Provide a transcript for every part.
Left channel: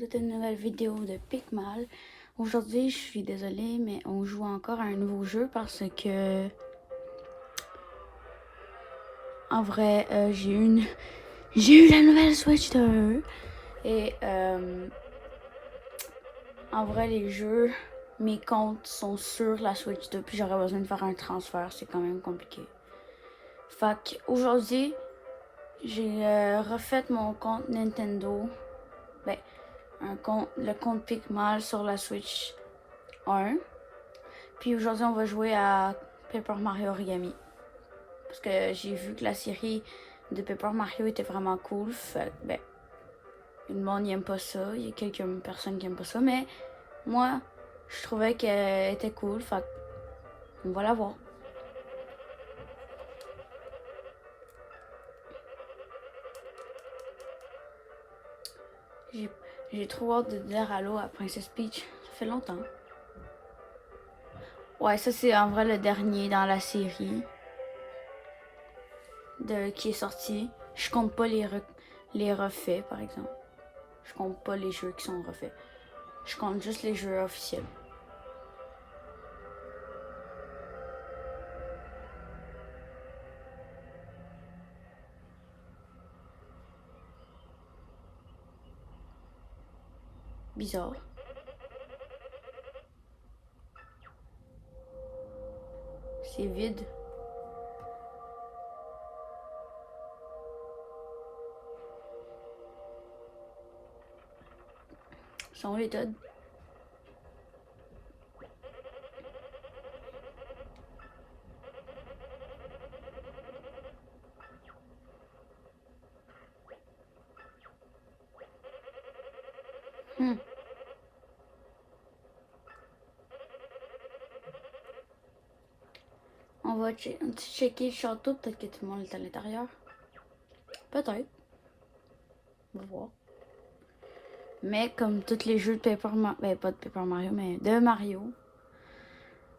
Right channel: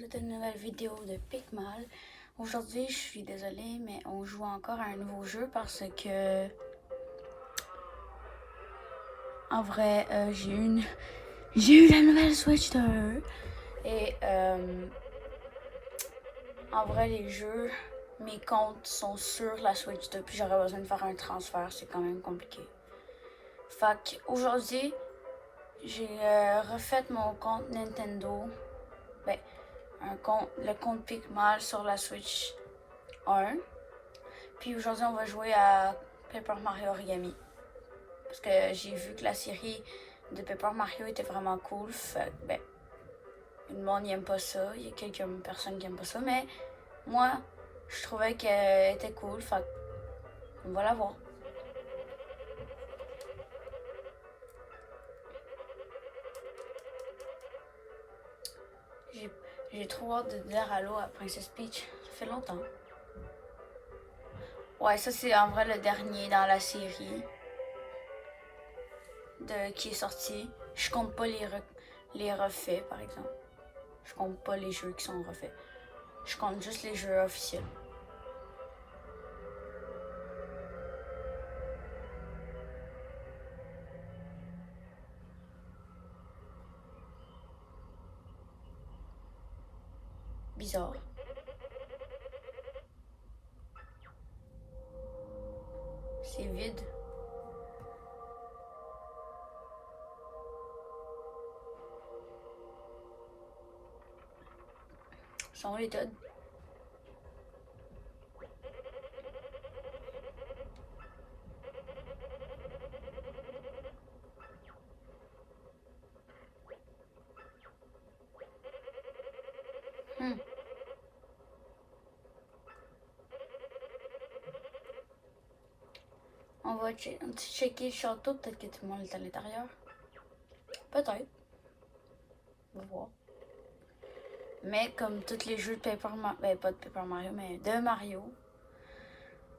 C'est une nouvelle vidéo de Picmal. Aujourd'hui, je suis désolée, mais on joue encore à un nouveau jeu parce que, en vrai, j'ai eu la nouvelle Switch 2 et en vrai, les jeux, mes comptes sont sur la Switch 2 puis j'aurais besoin de faire un transfert, c'est quand même compliqué. Fait qu'aujourd'hui, j'ai refait mon compte Nintendo, ben, le compte Picmal sur la Switch 1. Puis aujourd'hui, on va jouer à Paper Mario Origami. Parce que j'ai vu que la série de Paper Mario était vraiment cool. Fait que, ben, le monde n'aime pas ça. Il y a quelques personnes qui n'aiment pas ça. Mais moi, je trouvais qu'elle était cool. Fait qu'on va la voir. J'ai trop hâte de dire allô à Princess Peach. Ça fait longtemps. Ouais, ça c'est en vrai le dernier dans la série qui est sorti. Je compte pas les refaits, par exemple. Je compte pas les jeux qui sont refaits. Je compte juste les jeux officiels. Bizarre. C'est vide. Sont où les Todd? Hmm. On va checker le château, peut-être que tout le monde est à l'intérieur. Peut-être. On va voir. Mais comme tous les jeux de Paper Mario, ben pas de Paper Mario, mais de Mario,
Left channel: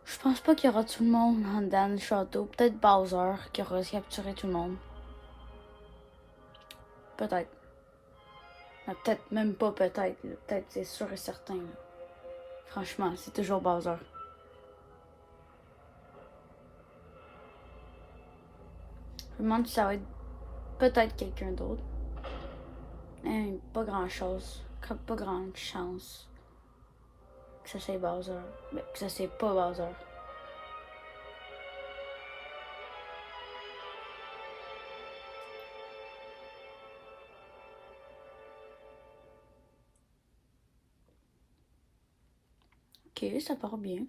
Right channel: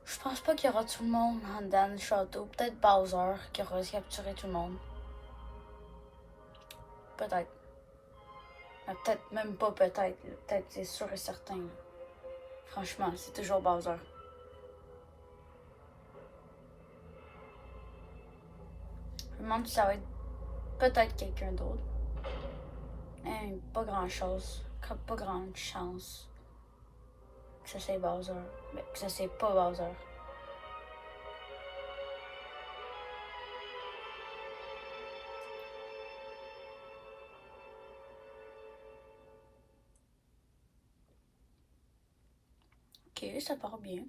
je pense pas qu'il y aura tout le monde dans le château. Peut-être Bowser qui aura capturé tout le monde. Peut-être. Mais peut-être même pas peut-être. Peut-être c'est sûr et certain. Franchement, c'est toujours Bowser. Je me demande si ça va être peut-être quelqu'un d'autre. Pas grand chose. Pas grande chance que ça c'est Bowser. Mais que ça c'est pas Bowser. Ok, ça part bien.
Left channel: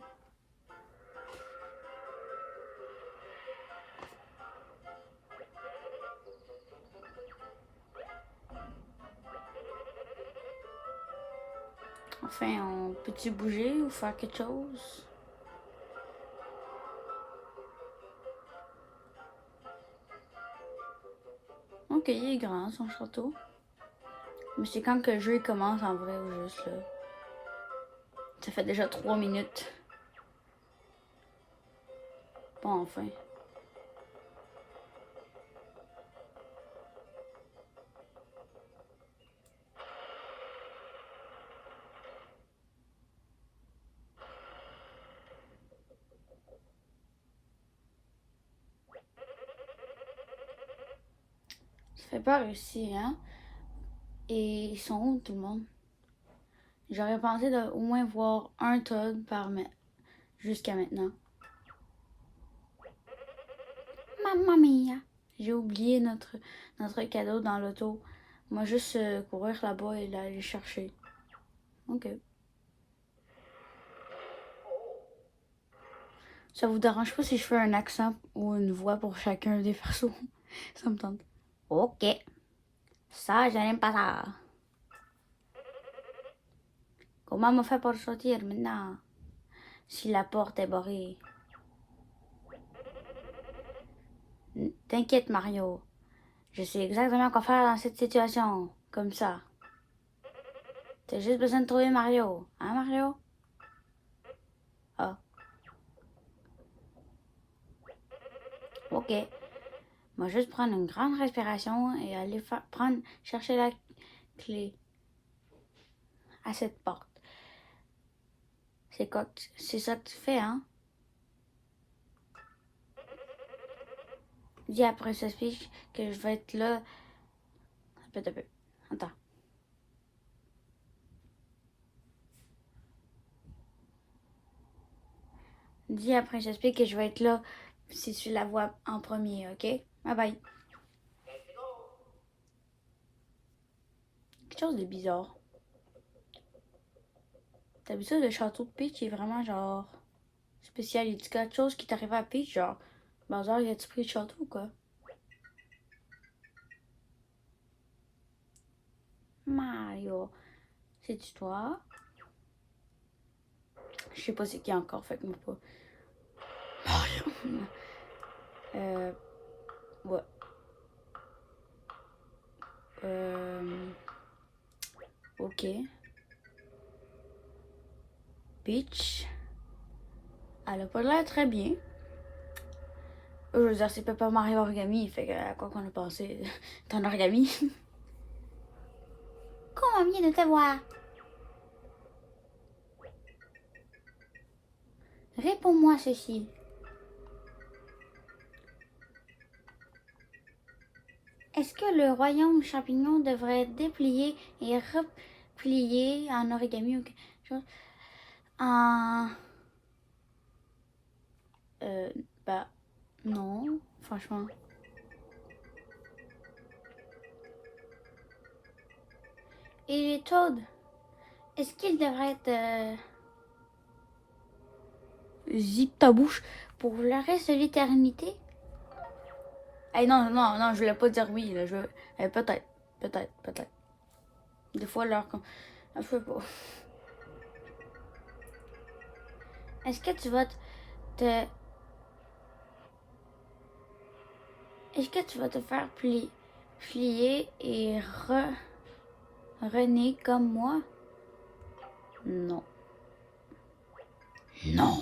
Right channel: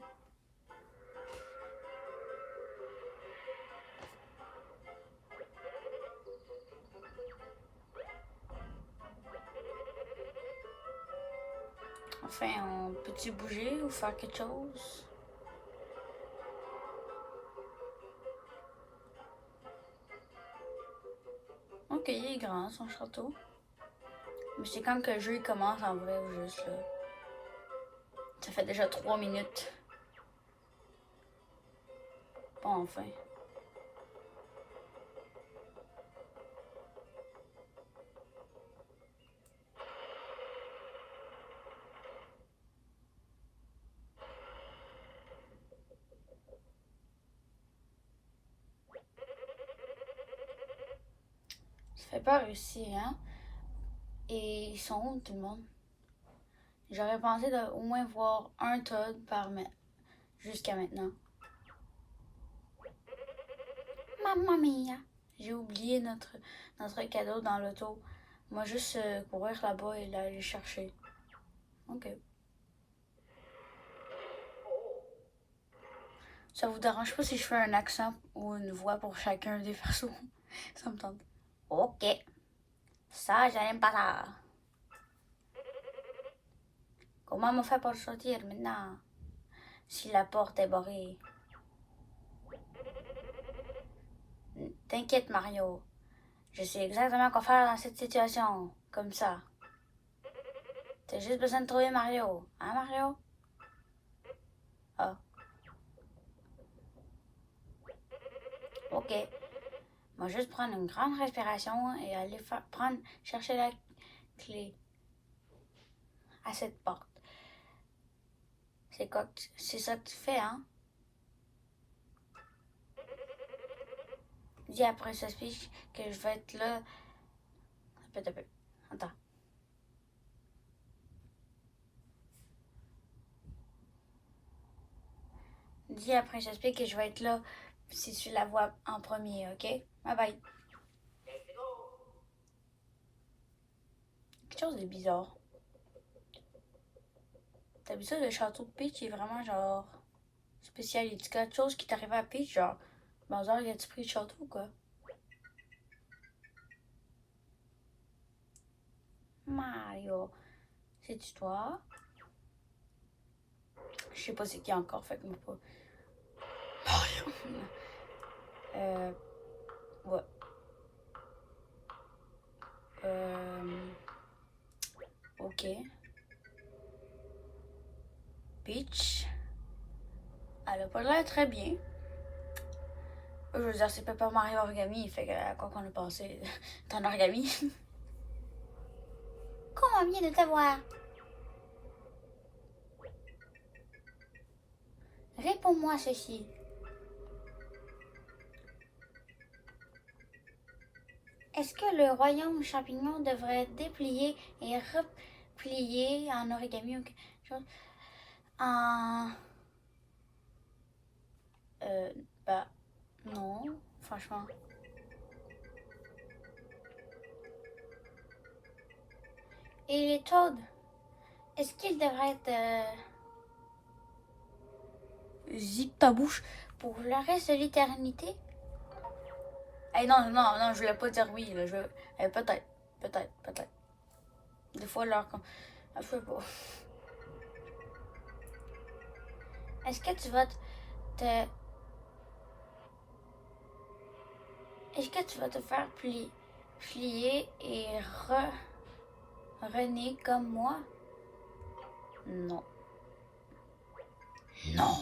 Enfin, on peut-tu bouger ou faire quelque chose? Ok, il est grand son château. Mais c'est quand que le jeu commence en vrai ou juste là. Ça fait déjà 3 minutes. Bon, enfin. Ça fait peur ici, hein? Et ils sont où tout le monde? J'aurais pensé de au moins voir un Todd jusqu'à maintenant. Mamma mia! J'ai oublié notre cadeau dans l'auto. Moi, juste courir là-bas et l'aller chercher. Ok. Ça vous dérange pas si je fais un accent ou une voix pour chacun des persos? Ça me tente. Ok. Ça, je n'aime pas ça. Comment on fait pour sortir maintenant? Si la porte est barrée. T'inquiète, Mario. Je sais exactement quoi faire dans cette situation. Comme ça. T'as juste besoin de trouver Mario. Hein, Mario? Ah, ok. On va juste prendre une grande respiration et aller chercher la clé. cette porte. C'est quoi? C'est ça que tu fais, hein? Dis après ce speech que je vais être là. Un peu. Attends. Dis après ce speech que je vais être là si tu la vois en premier, ok? Bye bye. Quelque chose de bizarre. D'habitude, le château de Peach est vraiment genre spécial. Il y a quelque chose qui t'arrive à Peach, genre Bowser, il a-tu pris le château ou quoi? Mario, c'est-tu toi? Je sais pas c'est qui encore, faites-moi pas. Mario. Ouais. Ok. Peach. Elle a pas l'air très bien. Je veux dire, c'est Papa Mario Origami, fait que à quoi qu'on a passé ton origami. Conviens de te voir. Réponds-moi ceci. Est-ce que le royaume champignon devrait être déplié et replié en origami ou quelque chose? En... Bah, non, franchement. Et les Toads, est-ce qu'ils devraient être... Zip ta bouche pour le reste de l'éternité? Eh non, non, non, je voulais pas dire oui, là, peut-être. Des fois, leur... Je sais pas. Est-ce que tu vas te... Est-ce que tu vas te faire plier et renaître comme moi? Non. Non.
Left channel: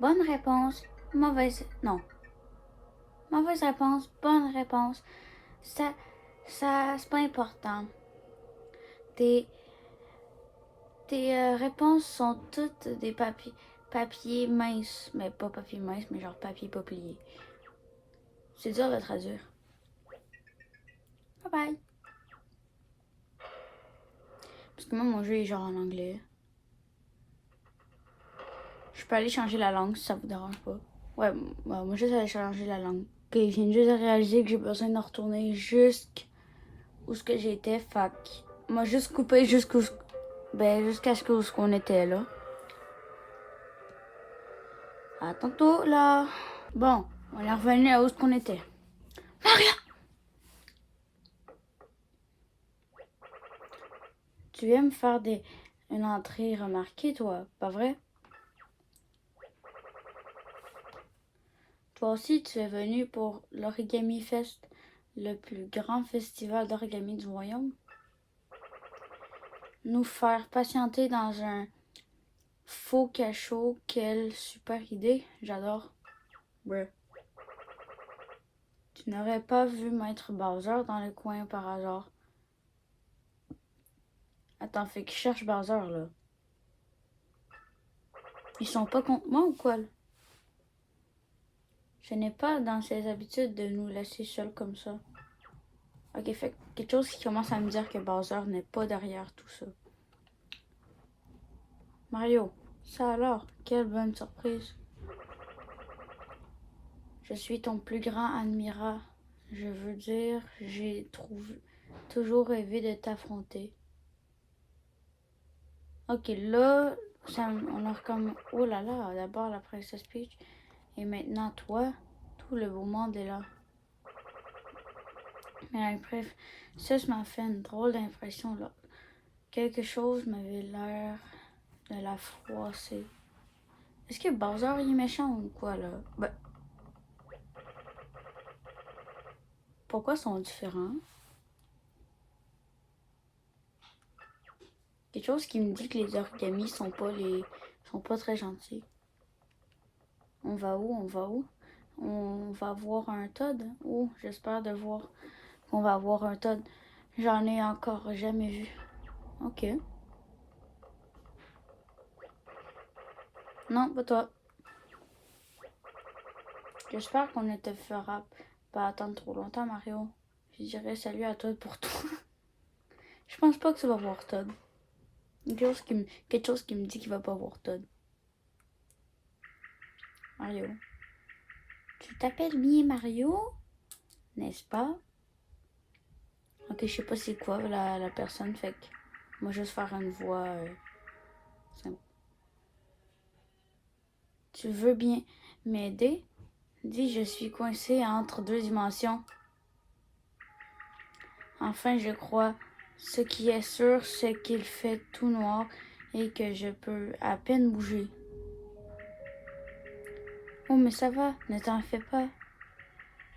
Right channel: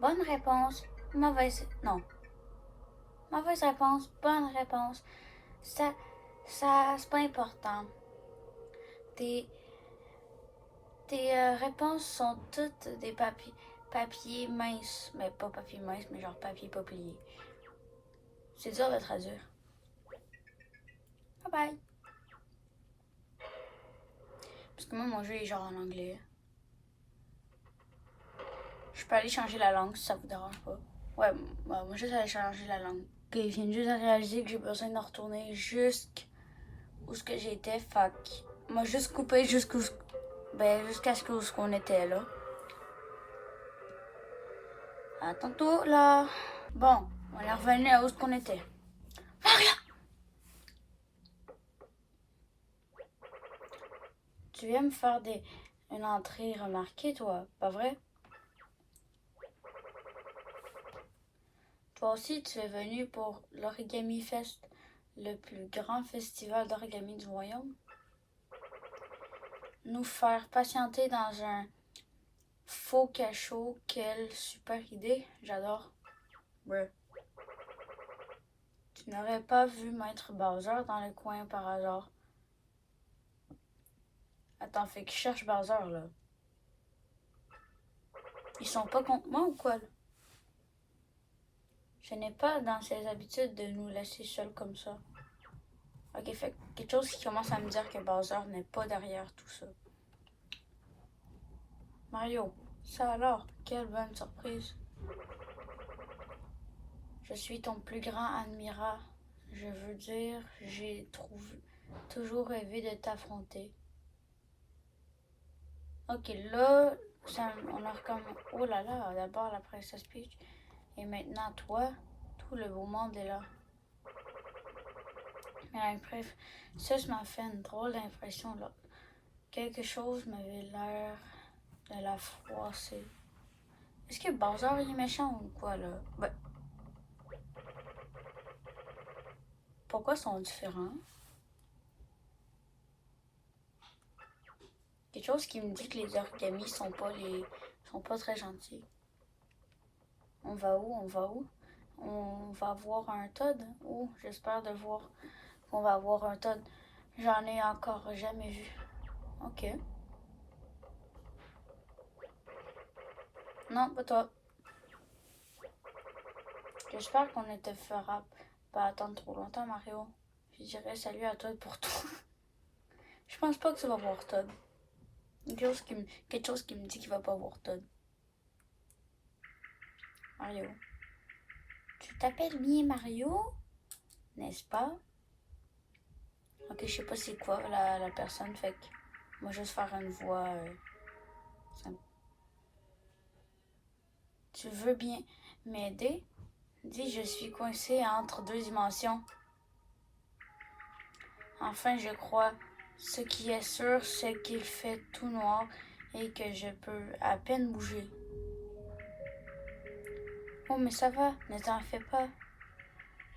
Bonne réponse. Mauvaise... Non. Mauvaise réponse. Bonne réponse. Ça, c'est pas important. Tes réponses sont toutes des papiers minces. Mais pas papier mince, mais genre papier pas plié. C'est dur de traduire. Bye bye. Parce que moi, mon jeu est genre en anglais. Je peux aller changer la langue si ça vous dérange pas. Ouais, moi juste aller changer la langue. Ok, je viens juste de réaliser que j'ai besoin de retourner jusqu'où ce que j'étais. Fait moi juste couper jusqu'à ce qu'on était là. À tantôt là. Bon, on est revenu à où ce qu'on était. Maria! Tu viens me faire une entrée remarquée, toi, pas vrai? Toi aussi, tu es venu pour l'Origami Fest, le plus grand festival d'origami du royaume. Nous faire patienter dans un faux cachot, quelle super idée, j'adore. Ouais. Tu n'aurais pas vu Maître Bowser dans le coin par hasard. Attends, fait qu'ils cherchent Bowser là. Ils sont pas contre moi ou quoi? Je n'ai pas dans ses habitudes de nous laisser seuls comme ça. Ok, fait quelque chose qui commence à me dire que Bowser n'est pas derrière tout ça. Mario, ça alors, quelle bonne surprise. Je suis ton plus grand admirat. Je veux dire, j'ai toujours rêvé de t'affronter. Ok, là, on a comme... Oh là là, d'abord la princesse Peach. Et maintenant, toi, tout le beau monde est là. Mais bref, ça m'a fait une drôle d'impression là. Quelque chose m'avait l'air de la froisser. Est-ce que Bowser est méchant ou quoi là? Ben, pourquoi sont différents? Quelque chose qui me dit que les origamis sont pas très gentils. On va où? On va voir un Toad? Oh, j'espère de voir qu'on va voir un Toad. J'en ai encore jamais vu. Ok. Non, pas toi. J'espère qu'on ne te fera pas attendre trop longtemps, Mario. Je dirais salut à toi pour tout. Je pense pas que ça va voir Todd. Quelque chose qui me dit qu'il va pas voir Todd. Mario. Tu t'appelles bien Mario? N'est-ce pas? Ok, je sais pas c'est quoi la personne, fait que moi juste faire une voix simple. Tu veux bien m'aider? Dis, je suis coincé entre deux dimensions. Enfin, je crois. Ce qui est sûr, c'est qu'il fait tout noir et que je peux à peine bouger. Oh, mais ça va, ne t'en fais pas.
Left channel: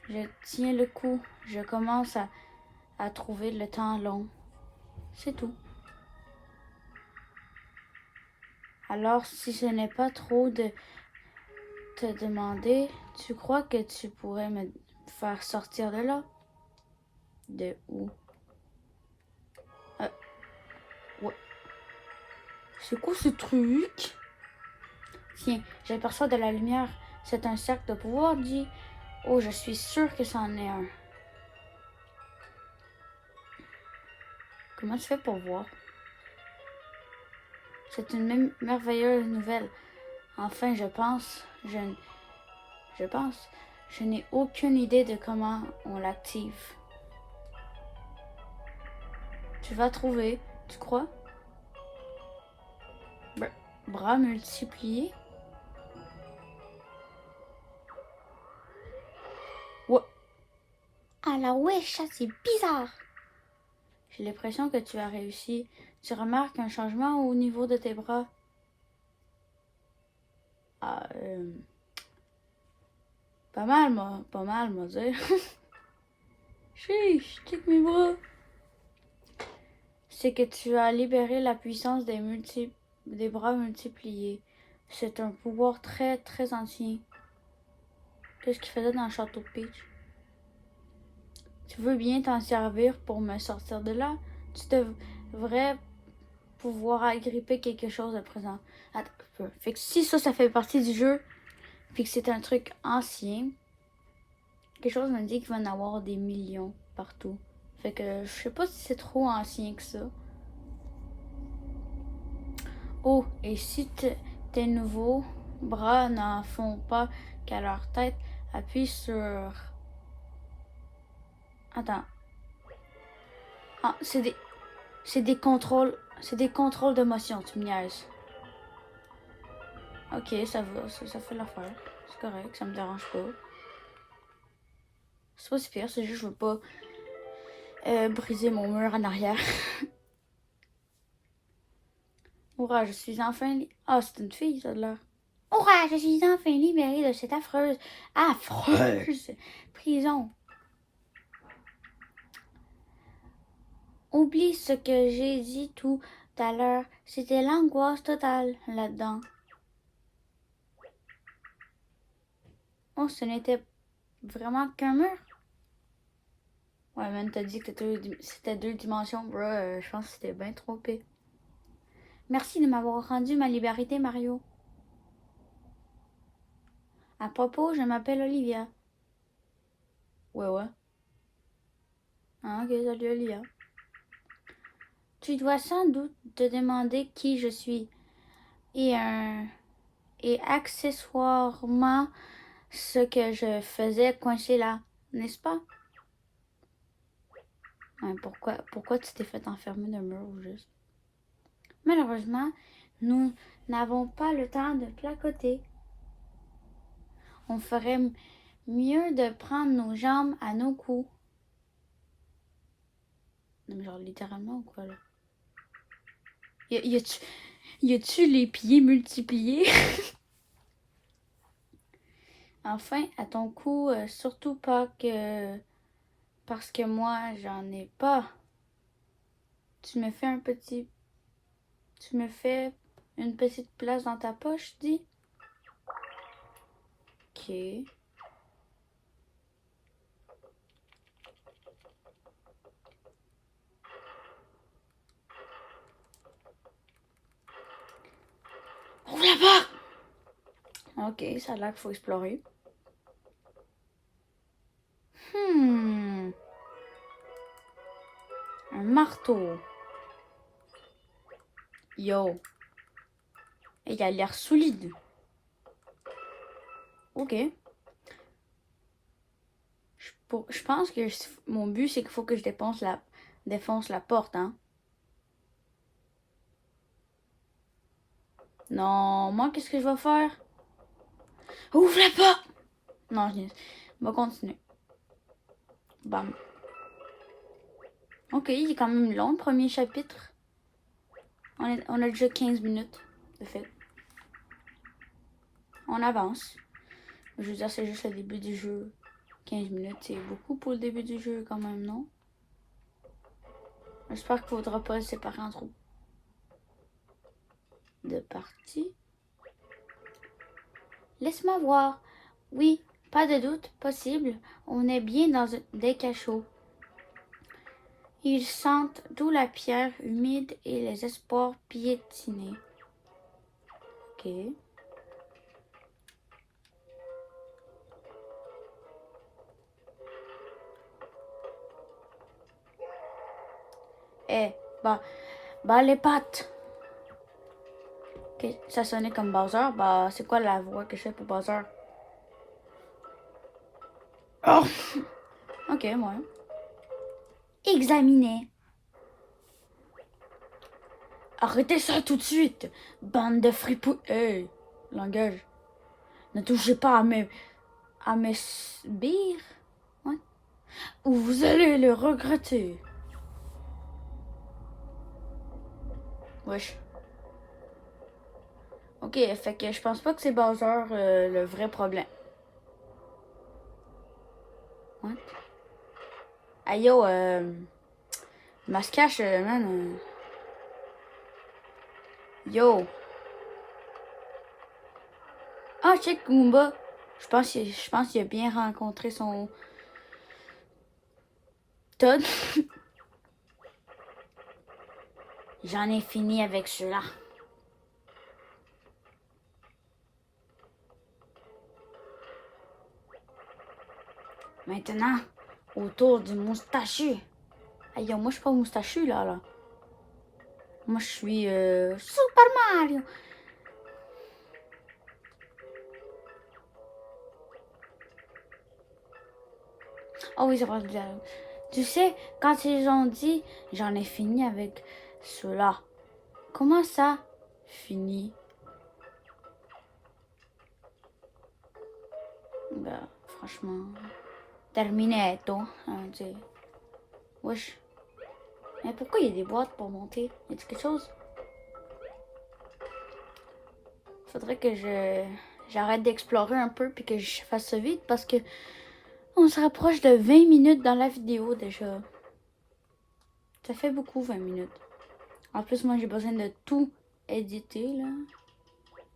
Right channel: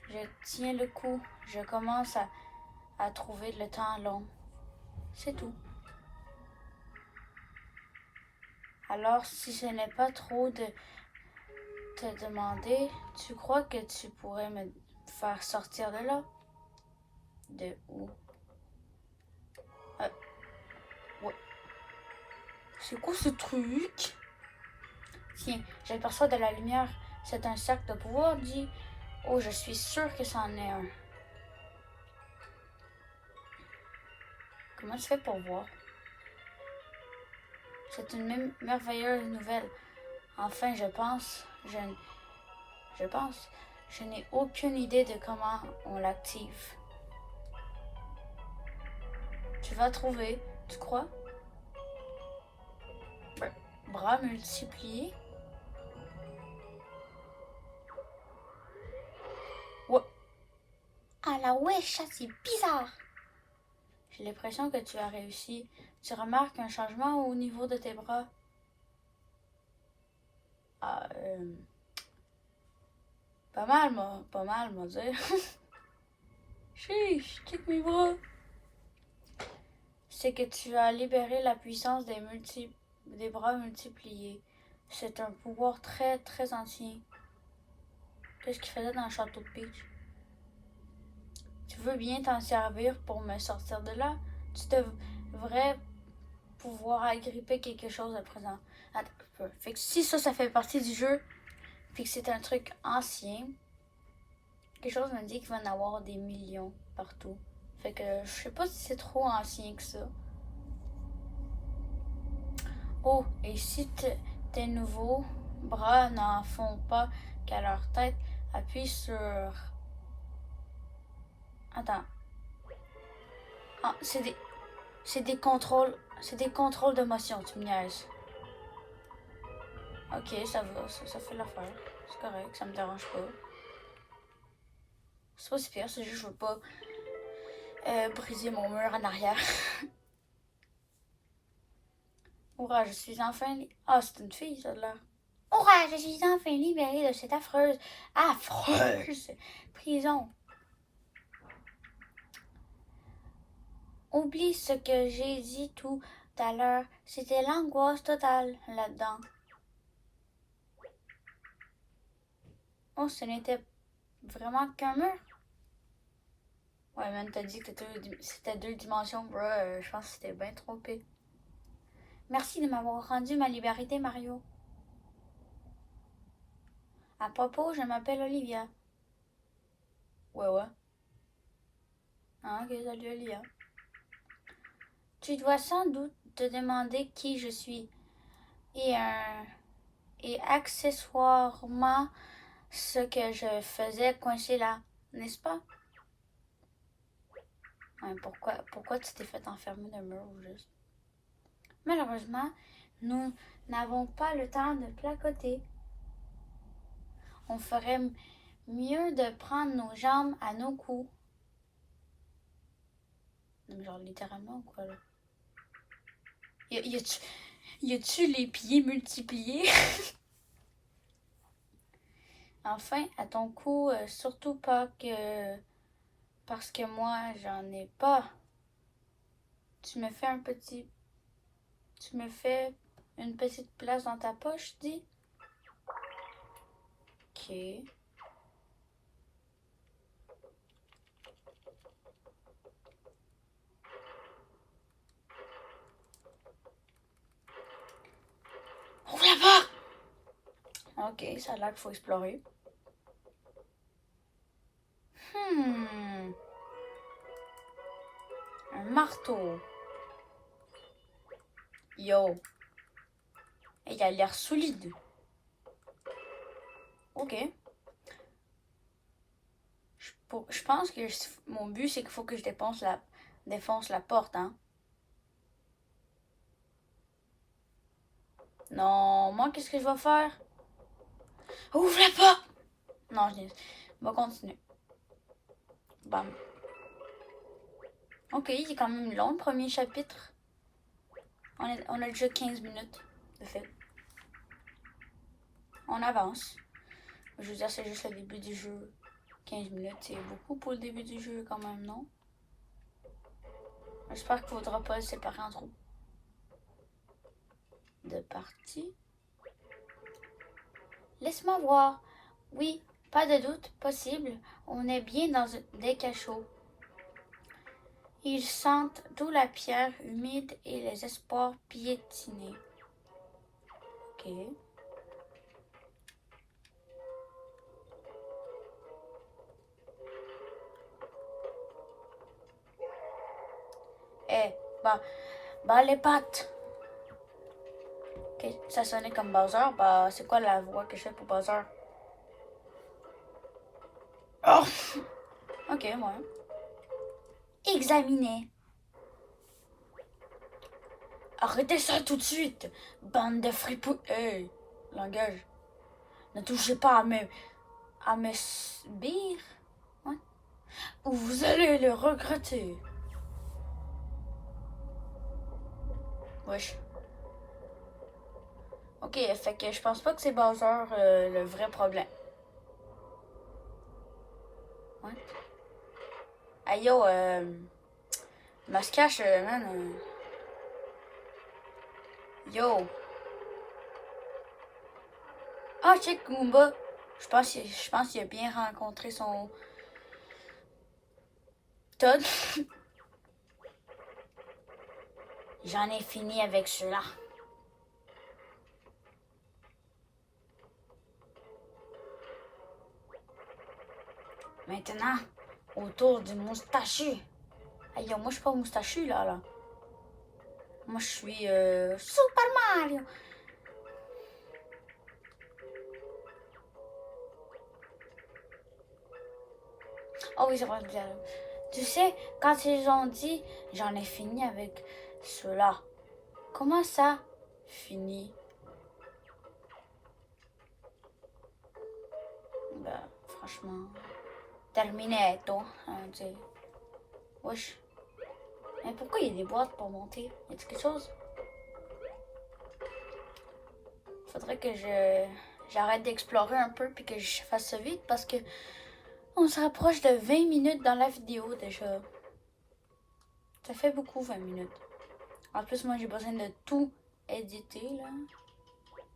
Je tiens le coup. Je commence à trouver le temps long. C'est tout. Alors, si ce n'est pas trop de te demander, tu crois que tu pourrais me faire sortir de là? De où? Ouais. C'est quoi ce truc? Tiens, j'aperçois de la lumière. C'est un cercle de pouvoir, dit. Oh, je suis sûre que c'en est un. Comment tu fais pour voir? C'est une merveilleuse nouvelle. Enfin, je n'ai aucune idée de comment on l'active. Tu vas trouver, tu crois? Bras multipliés? Ouais. Alors wesh, ça c'est bizarre. J'ai l'impression que tu as réussi. Tu remarques un changement au niveau de tes bras? Ah, pas mal, moi dire. Chiche, check mes bras. C'est que tu as libéré la puissance des bras multipliés. C'est un pouvoir très, très ancien. Qu'est-ce qu'il faisait dans le château de Peach? Tu veux bien t'en servir pour me sortir de là? Tu devrais pouvoir agripper quelque chose à présent. Attends, fait que si ça fait partie du jeu, puis que c'est un truc ancien, quelque chose me dit qu'il va en avoir des millions partout. Fait que je sais pas si c'est trop ancien que ça. Oh, et si tes nouveaux bras n'en font pas qu'à leur tête, appuie sur... Attends. Ah, c'est des contrôles... C'est des contrôles d'émotion, tu me niaises. Ok, ça va, ça fait l'affaire. C'est correct, ça me dérange pas. C'est pas si pire, c'est juste que je veux pas briser mon mur en arrière. Hurrah, je suis enfin... Ah, c'est une fille, ça a l'air. Hurrah, je suis enfin libérée de cette affreuse prison. Oublie ce que j'ai dit tout à l'heure. C'était l'angoisse totale là-dedans. Oh, ce n'était vraiment qu'un mur. Ouais, man, t'as dit que c'était deux dimensions, bro. Je pense que c'était bien trompé. Merci de m'avoir rendu ma liberté, Mario. À propos, je m'appelle Olivia. Ouais. Ah, ok, salut Olivia. Tu dois sans doute te demander qui je suis. Et, et accessoirement, ce que je faisais coincé là, n'est-ce pas? Ouais, pourquoi tu t'es fait enfermer d'un mur ou juste? Malheureusement, nous n'avons pas le temps de placoter. On ferait mieux de prendre nos jambes à nos coups. Non, mais genre littéralement ou quoi là? Y a-tu les pieds multipliés? Enfin, à ton cou, surtout pas que... Parce que moi, j'en ai pas. Tu me fais un petit... Tu me fais une petite place dans ta poche, dis? Ok. Ok, ça a l'air qu'il faut explorer. Un marteau. Yo. Il a l'air solide. Ok. Je pense que mon but, c'est qu'il faut que je défonce la porte, hein. Non, moi, qu'est-ce que je vais faire? Ouvre la porte! Non, on va continuer. Bam. Ok, il est quand même long, le premier chapitre. On a déjà 15 minutes de fait. On avance. Je veux dire, c'est juste le début du jeu. 15 minutes, c'est beaucoup pour le début du jeu quand même, non? J'espère qu'il ne faudra pas le séparer en trop de parties. Laisse-moi voir. Oui, pas de doute possible. On est bien dans des cachots. Ils sentent d'où la pierre humide et les espoirs piétinés. Ok. Eh, bah les pattes. Ok, ça sonnait comme Bowser. Bah, c'est quoi la voix que je fais pour Bowser? Oh! Ok, ouais. Examiner. Arrêtez ça tout de suite, bande de fripouilles. Hey, langage. Ne touchez pas à mes sbires. Ouais. Ou vous allez le regretter. Wesh. Ok, fait que je pense pas que c'est Bowser le vrai problème. Ouais. Aïe yo, Mascache, man. Yo. Ah, check Goomba. Je pense qu'il a bien rencontré son Todd. J'en ai fini avec cela. Maintenant, autour du moustachu. Aïe, moi je suis pas moustachu là. Moi je suis Super Mario. Oh oui, ça parle de dialogue. Tu sais, quand ils ont dit j'en ai fini avec cela. Comment ça, fini? Ben, franchement, terminato, on va dire. Wesh. Mais pourquoi il y a des boîtes pour monter? Y a-t-il quelque chose? Faudrait que j'arrête d'explorer un peu puis que je fasse ça vite parce que on se rapproche de 20 minutes dans la vidéo déjà. Ça fait beaucoup 20 minutes. En plus, moi j'ai besoin de tout éditer là.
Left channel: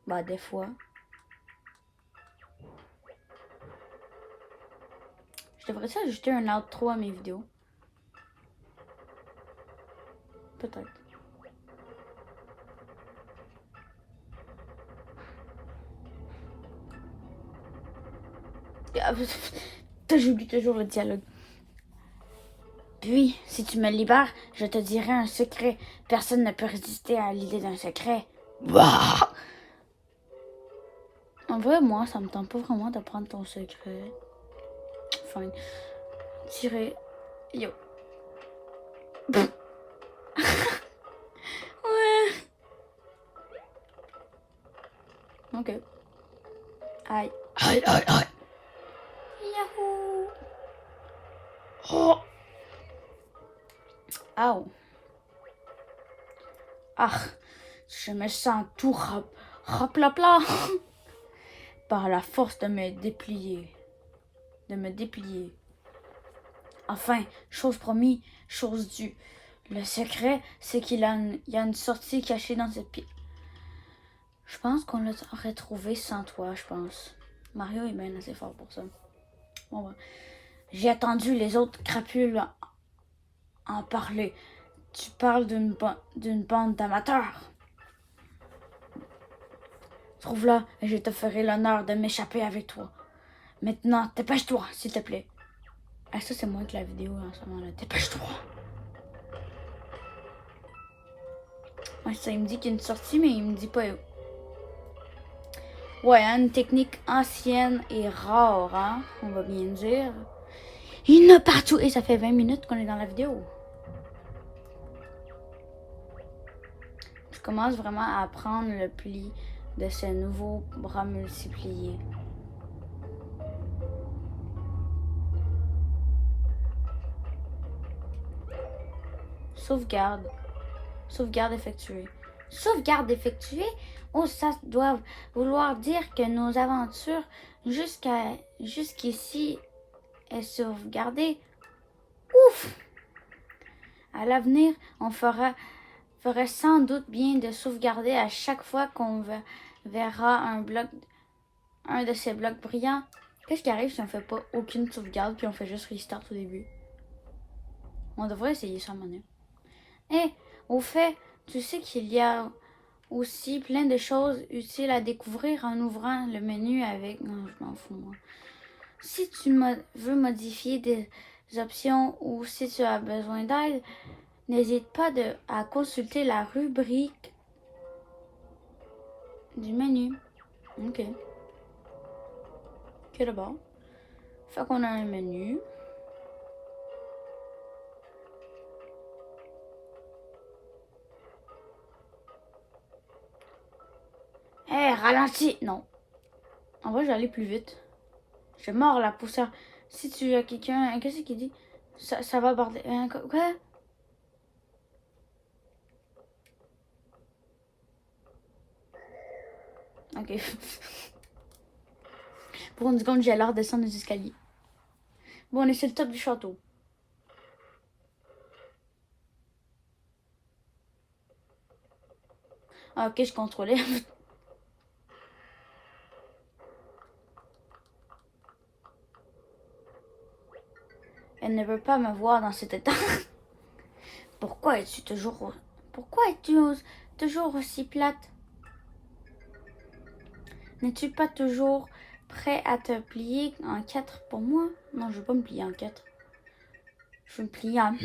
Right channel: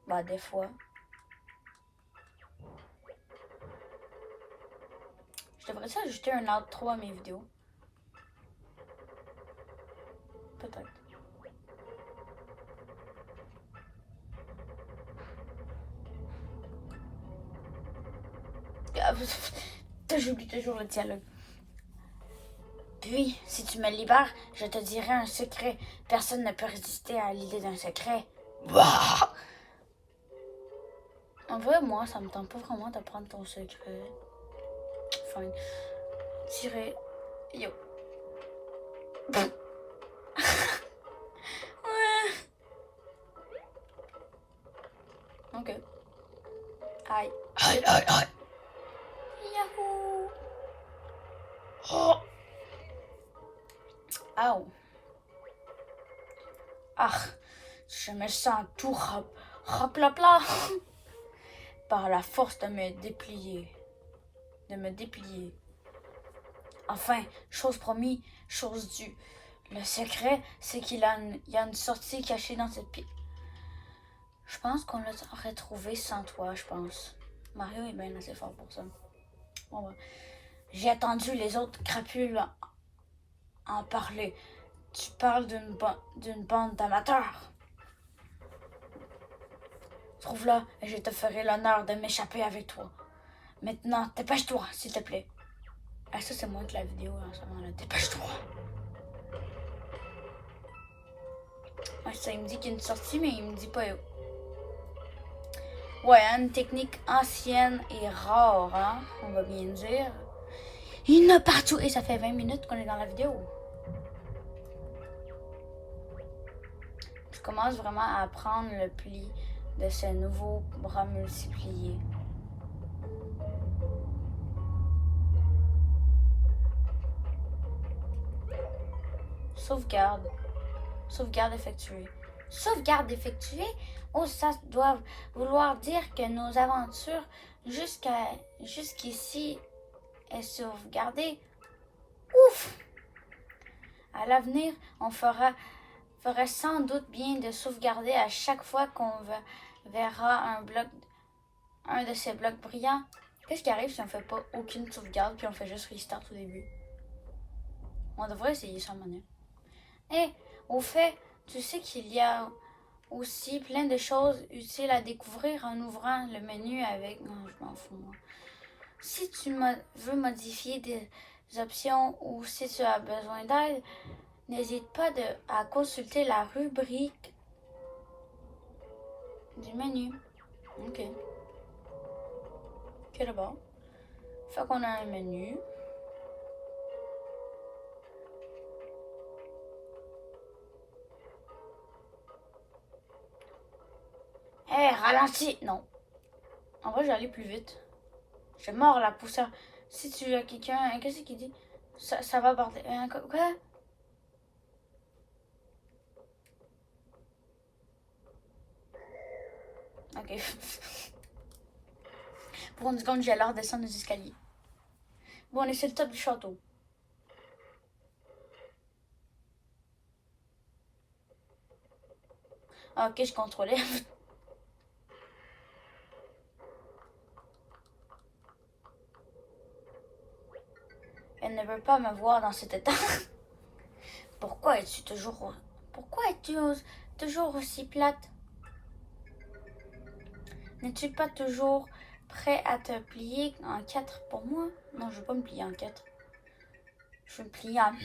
Bah des fois. Je devrais ajouter un outro à mes vidéos. Peut-être. J'oublie toujours le dialogue. Puis, si tu me libères, je te dirai un secret. Personne ne peut résister à l'idée d'un secret. Bah! En vrai, moi, ça me tente pas vraiment de prendre ton secret. Fine. Tirer. Yo. Ouais. Ok. Aïe. Aïe, aïe, aïe. Yahoo! Oh. Ow. Ah, je me sens tout raplapla par la force de me déplier. Enfin, chose promise, chose due. Le secret, c'est qu'il y a une sortie cachée dans cette pièce. Je pense qu'on l'aurait trouvé sans toi, je pense. Mario est bien assez fort pour ça. Bon, j'ai attendu les autres crapules en parler. Tu parles d'une bande d'amateurs. Trouve-la et je te ferai l'honneur de m'échapper avec toi. Maintenant, dépêche-toi, s'il te plaît. Ah, ça, c'est moi que la vidéo en ce moment-là. Dépêche-toi. Ouais, ça, il me dit qu'il y a une sortie, mais il me dit pas où. Ouais, hein, une technique ancienne et rare, hein, on va bien dire. Il y en a partout. Et ça fait 20 minutes qu'on est dans la vidéo. Je commence vraiment à prendre le pli de ce nouveau bras multiplié. Sauvegarde. Sauvegarde effectuée. Sauvegarde effectuée? Oh, ça doit vouloir dire que nos aventures jusqu'ici est sauvegardée. Ouf! À l'avenir, on ferait sans doute bien de sauvegarder à chaque fois qu'on verra un de ces blocs brillants. Qu'est-ce qui arrive si on fait pas aucune sauvegarde puis on fait juste restart au début? On devrait essayer ça, Manu. Eh, au fait, tu sais qu'il y a aussi plein de choses utiles à découvrir en ouvrant le menu avec... Non, je m'en fous. Si tu veux modifier des options ou si tu as besoin d'aide, n'hésite pas à consulter la rubrique du menu. Ok. Ok, d'abord. Fait qu'on a un menu. Hé, ralentis! Non. En vrai, j'allais plus vite. Je mords la poussière. Si tu as quelqu'un... Qu'est-ce qu'il dit? Ça va aborder... Quoi? Ok. Pour une seconde, j'ai l'air de descendre les escaliers. Bon, on est sur le top du château. Ah, ok, je contrôlais. Elle ne veut pas me voir dans cet état. Pourquoi es-tu toujours... Pourquoi es-tu toujours aussi plate? N'es-tu pas toujours prêt à te plier en 4 pour moi? Non, je ne veux pas me plier en 4. Je veux me plier en...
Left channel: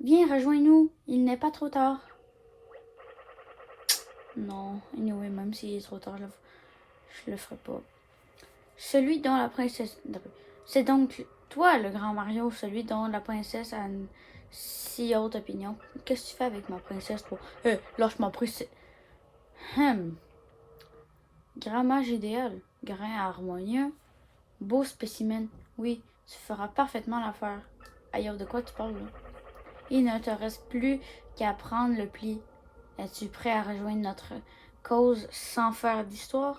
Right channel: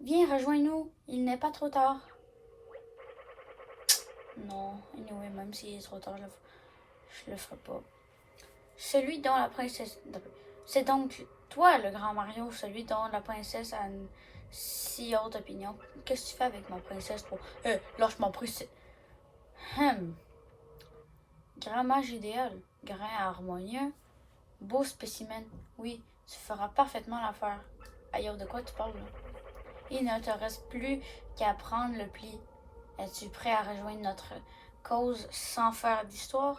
Viens, rejoins-nous. Il n'est pas trop tard. Non, anyway, même s'il est trop tard, je le ferai pas. Celui dont la princesse... C'est donc toi, le grand Mario, celui dont la princesse a une si haute opinion. Qu'est-ce que tu fais avec ma princesse, toi? Lâche ma princesse. Grand mage idéal, grain harmonieux, beau spécimen. Oui, tu feras parfaitement l'affaire. Aïe, de quoi tu parles, là? Il ne te reste plus qu'à prendre le pli. Es-tu prêt à rejoindre notre cause sans faire d'histoire?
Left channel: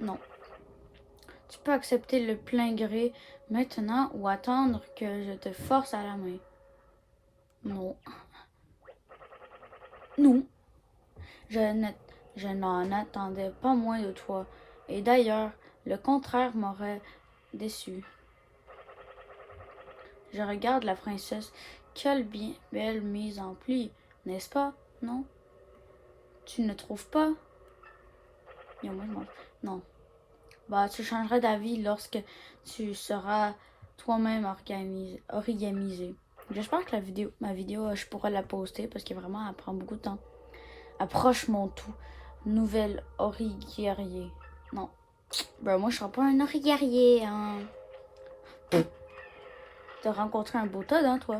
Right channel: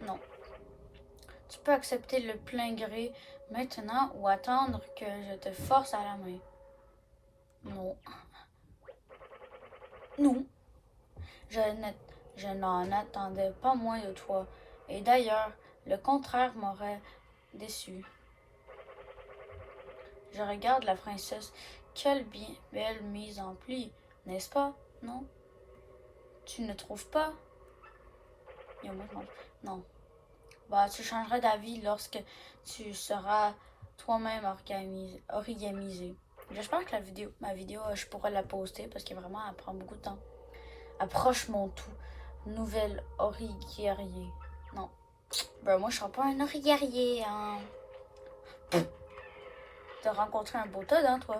Non. Tu peux accepter le plein gré maintenant ou attendre que je te force à la main. Non. Non. Je n'en attendais pas moins de toi. Et d'ailleurs, le contraire m'aurait déçu. Je regarde la princesse. Quelle belle mise en pli, n'est-ce pas? Non? Tu ne trouves pas? Non. Bah, tu changeras d'avis lorsque tu seras toi-même origamisé. J'espère que ma vidéo, je pourrai la poster parce que vraiment, elle prend beaucoup de temps. Approche mon tout. Nouvelle origuerrier. Non. Ben, moi, je serai pas un origuerrier, hein. T'as rencontré un beau Todd, hein, toi?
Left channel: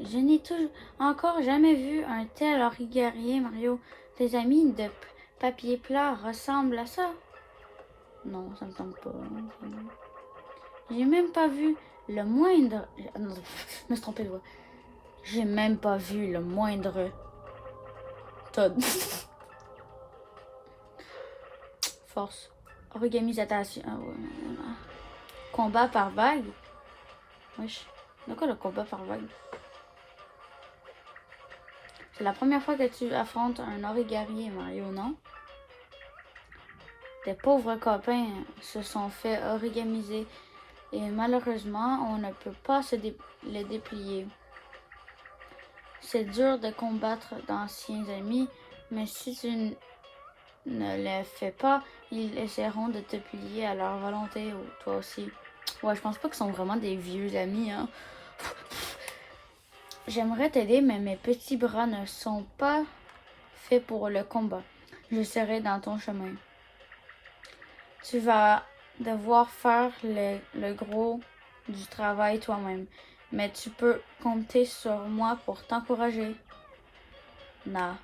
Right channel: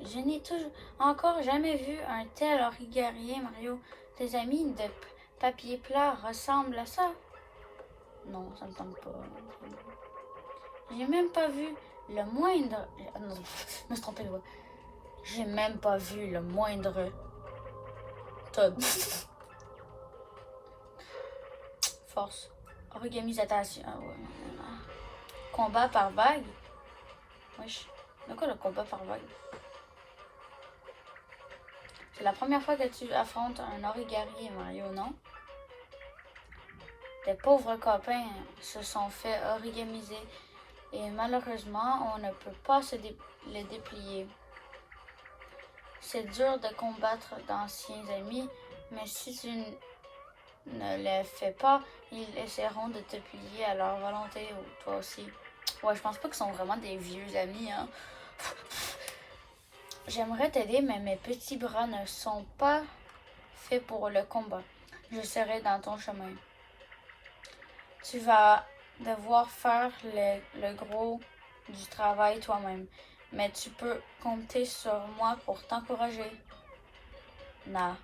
Je n'ai encore jamais vu un tel origuerrier, Mario. Tes amis de papier plat ressemblent à ça? Non, ça me tente pas. J'ai même pas vu le moindre... Non, je me suis trompée de voix. J'ai même pas vu le moindre... Todd. Force. Origamisation. Combat par vague. Wesh. De quoi le combat par vague? C'est la première fois que tu affrontes un origuerrier, Mario, non? Tes pauvres copains se sont fait origamiser et malheureusement, on ne peut pas les déplier. C'est dur de combattre d'anciens amis, Mais si tu ne les fais pas, ils essaieront de te plier à leur volonté, ou toi aussi. Ouais, je pense pas qu'ils sont vraiment des vieux amis, hein. J'aimerais t'aider, mais mes petits bras ne sont pas faits pour le combat. Je serai dans ton chemin. Tu vas devoir faire le gros du travail toi-même, mais tu peux compter sur moi pour t'encourager. Na.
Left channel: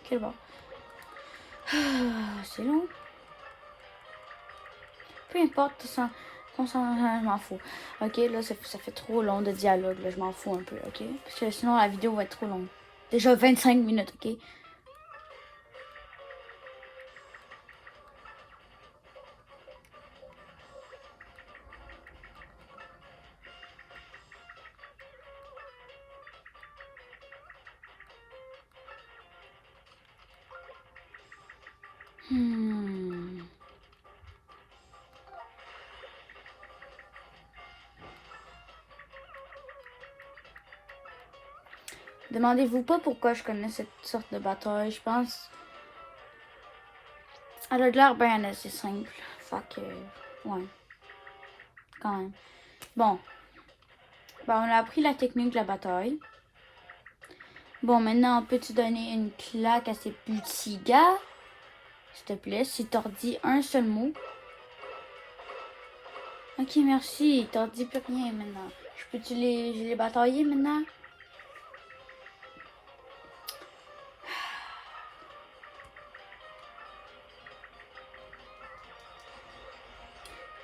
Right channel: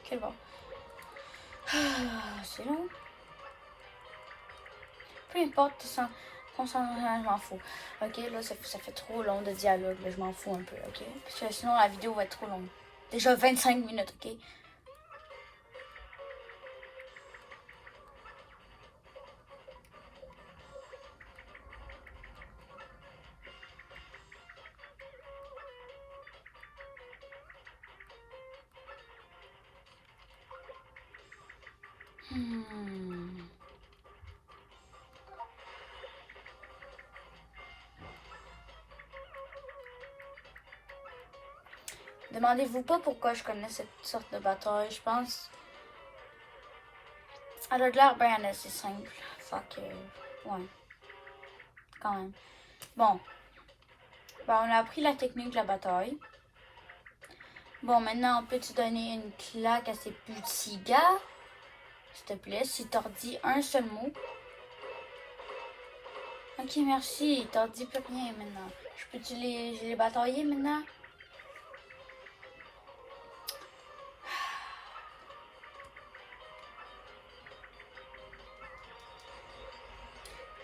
Ok, bon. C'est long. Peu importe, je m'en fous. Ok, là, ça fait trop long de dialogue, là, je m'en fous un peu, ok? Parce que sinon, la vidéo va être trop longue. Déjà 25 minutes, ok? Hmm. Demandez-vous pas pourquoi je connais cette sorte de bataille, je pense. Elle a l'air bien assez simple. Fait que, ouais, quand même. Bon, ben, on a appris la technique de la bataille. Bon, maintenant, peux-tu donner une claque à ces petits gars? S'il te plaît, si t'en dis un seul mot. Ok, merci, t'en dis plus rien maintenant. Je peux-tu les batailler maintenant?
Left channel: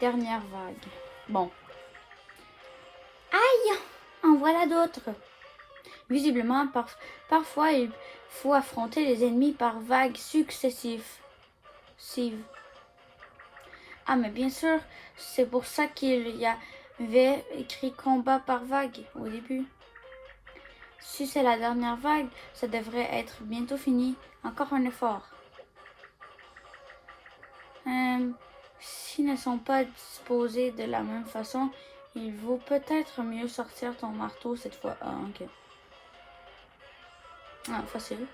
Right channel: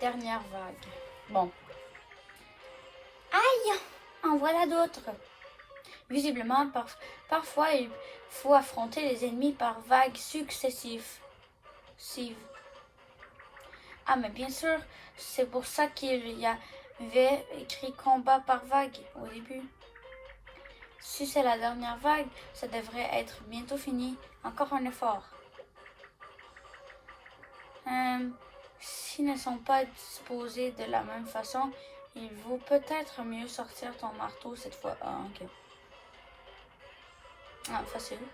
Dernière vague. Bon. Aïe! En voilà d'autres. Visiblement, parfois, il faut affronter les ennemis par vagues successives. Ah, mais bien sûr, c'est pour ça qu'il y avait écrit combat par vague au début. Si c'est la dernière vague, ça devrait être bientôt fini. Encore un effort. S'ils ne sont pas disposés de la même façon, il vaut peut-être mieux sortir ton marteau cette fois. Ah, ok. Ah, facile.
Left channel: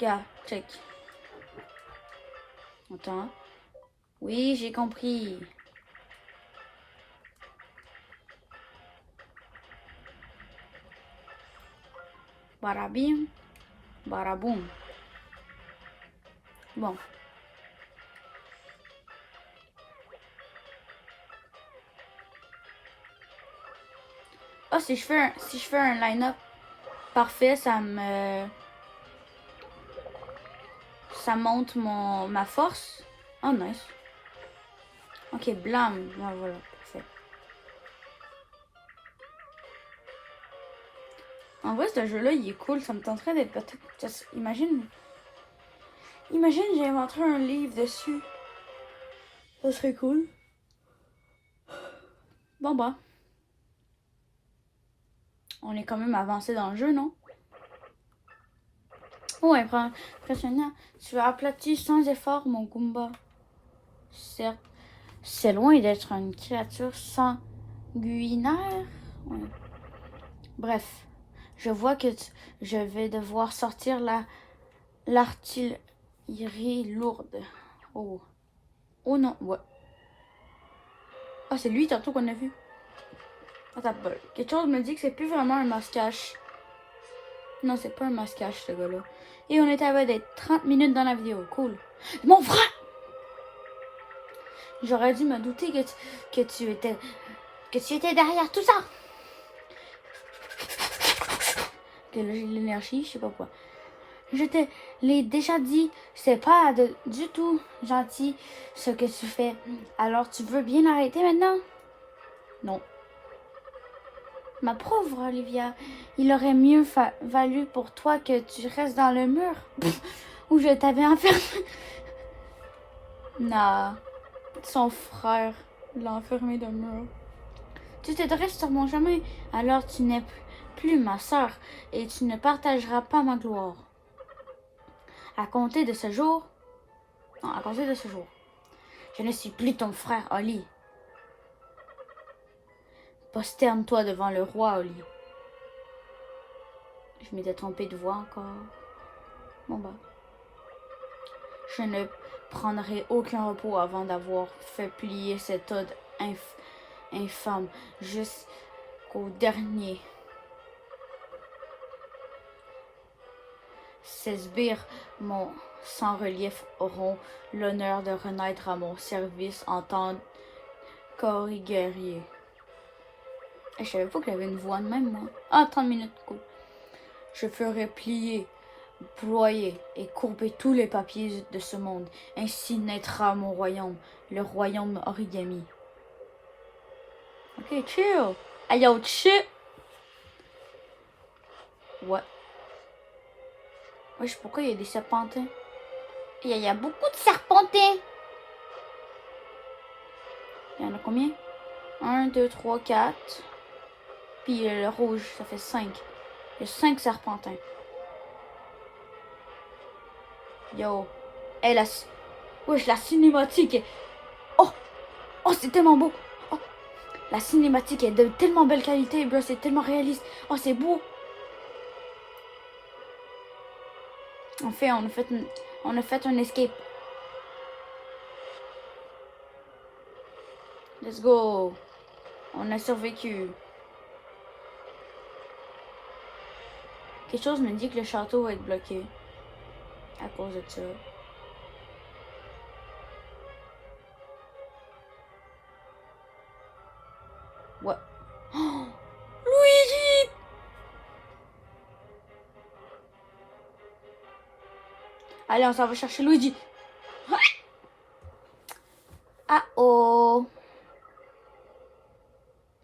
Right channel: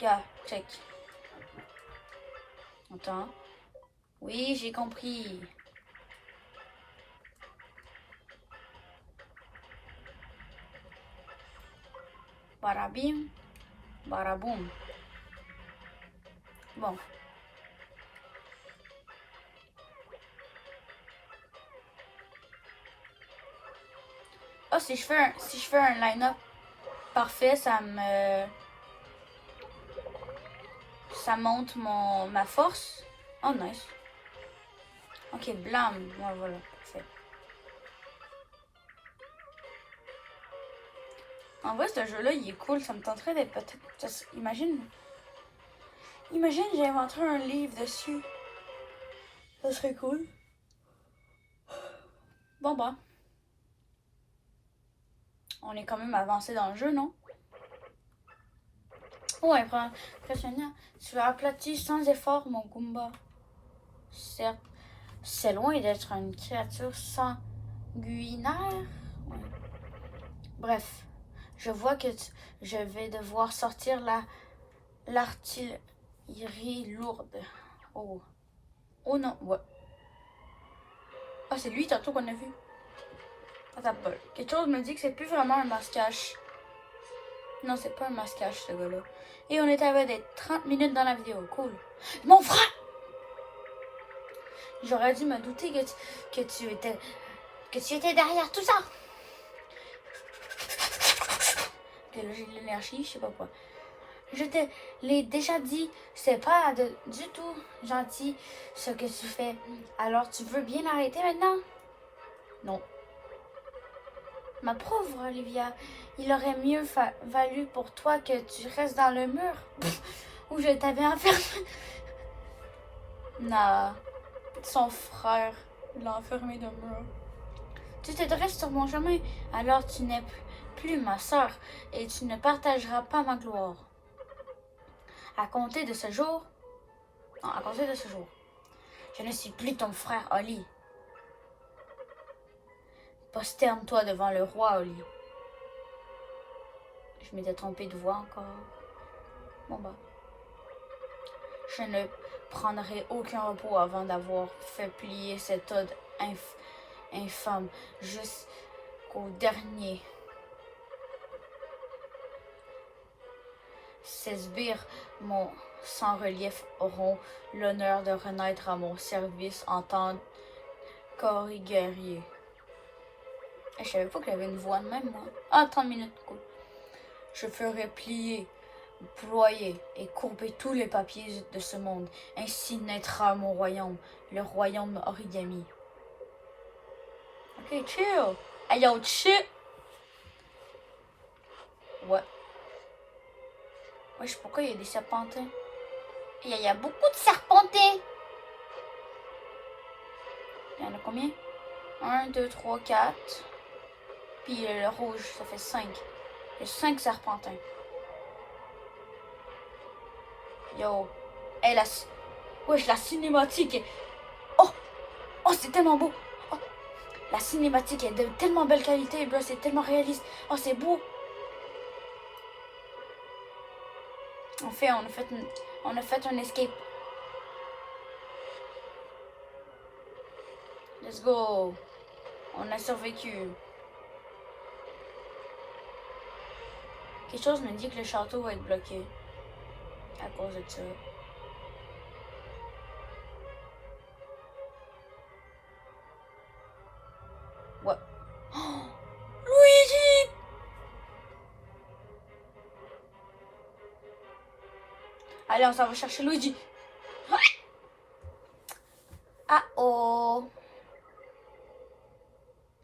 Gars, check. Attends. Oui, j'ai compris. Barabim, baraboum. Bon. Oh, si je fais un line-up parfait, ça monte ma force. Oh, nice. Ok, blanc, voilà, parfait. En vrai, ce jeu-là, il est cool. Ça me tenterait d'être peut-être. Imagine, j'inventerais un livre dessus. Ça serait cool. Bon, bah. On est quand même avancé dans le jeu, non? Oh, impressionnant. Tu as aplati sans effort mon Goomba. Certes, c'est loin d'être une créature sanguinaire. Ouais. Bref, je vois que je vais devoir sortir l'artillerie lourde. Oh. Oh non, ouais. Ah, c'est lui tantôt qu'on a vu. Attends, quelque chose me dit que c'est plus vraiment un masquage. Non, c'est pas un masquage, ce gars-là. Et on était à des 30 minutes dans la vidéo. Cool. Mon frère! J'aurais dû me douter que tu étais derrière tout ça. Que là, j'ai l'énergie, je sais pas quoi. Je te l'ai déjà dit, c'est pas du tout gentil ce que tu fais. Alors tu veux bien arrêter maintenant? Non. Ma pauvre Olivia, il aurait mieux valu pour toi que tu restes dans le mur où je t'avais enfermé. Non, son frère l'a enfermé dans le mur. Tu te dresses sur mon chemin, alors tu n'es plus ma soeur et tu ne partageras pas ma gloire. À compter de ce jour, je ne suis plus ton frère Oli. Posterne-toi devant le roi Oli. Je m'étais trompée de voix encore. Bon bah. Je ne prendrai aucun repos avant d'avoir fait plier cet ode infâme jusqu'au dernier. Ces sbires, mon sans relief, auront l'honneur de renaître à mon service en tant qu'or guerrier. Je savais pas qu'il y avait une voix de même, moi. Ah, 30 minutes, cool. Je ferai plier, ployer et courber tous les papiers de ce monde. Ainsi naîtra mon royaume, le royaume origami. Ok, chill. Hey, yo, chill. Ouais. Wesh, pourquoi il y a des serpentins? Il y a beaucoup de serpentins. Il y en a combien? 1, 2, 3, 4. Puis le rouge, ça fait 5. Il y a 5 serpentins. Yo. Hey, wesh, la cinématique. Oh, oh, c'est tellement beau. Oh. La cinématique est de tellement belle qualité, bro. C'est tellement réaliste. Oh, c'est beau. On a fait un escape. Let's go. On a survécu. Quelque chose me dit que le château va être bloqué. À cause de ça. Ouais. Oh, Luigi! Allez, on s'en va chercher Luigi. Ah oh!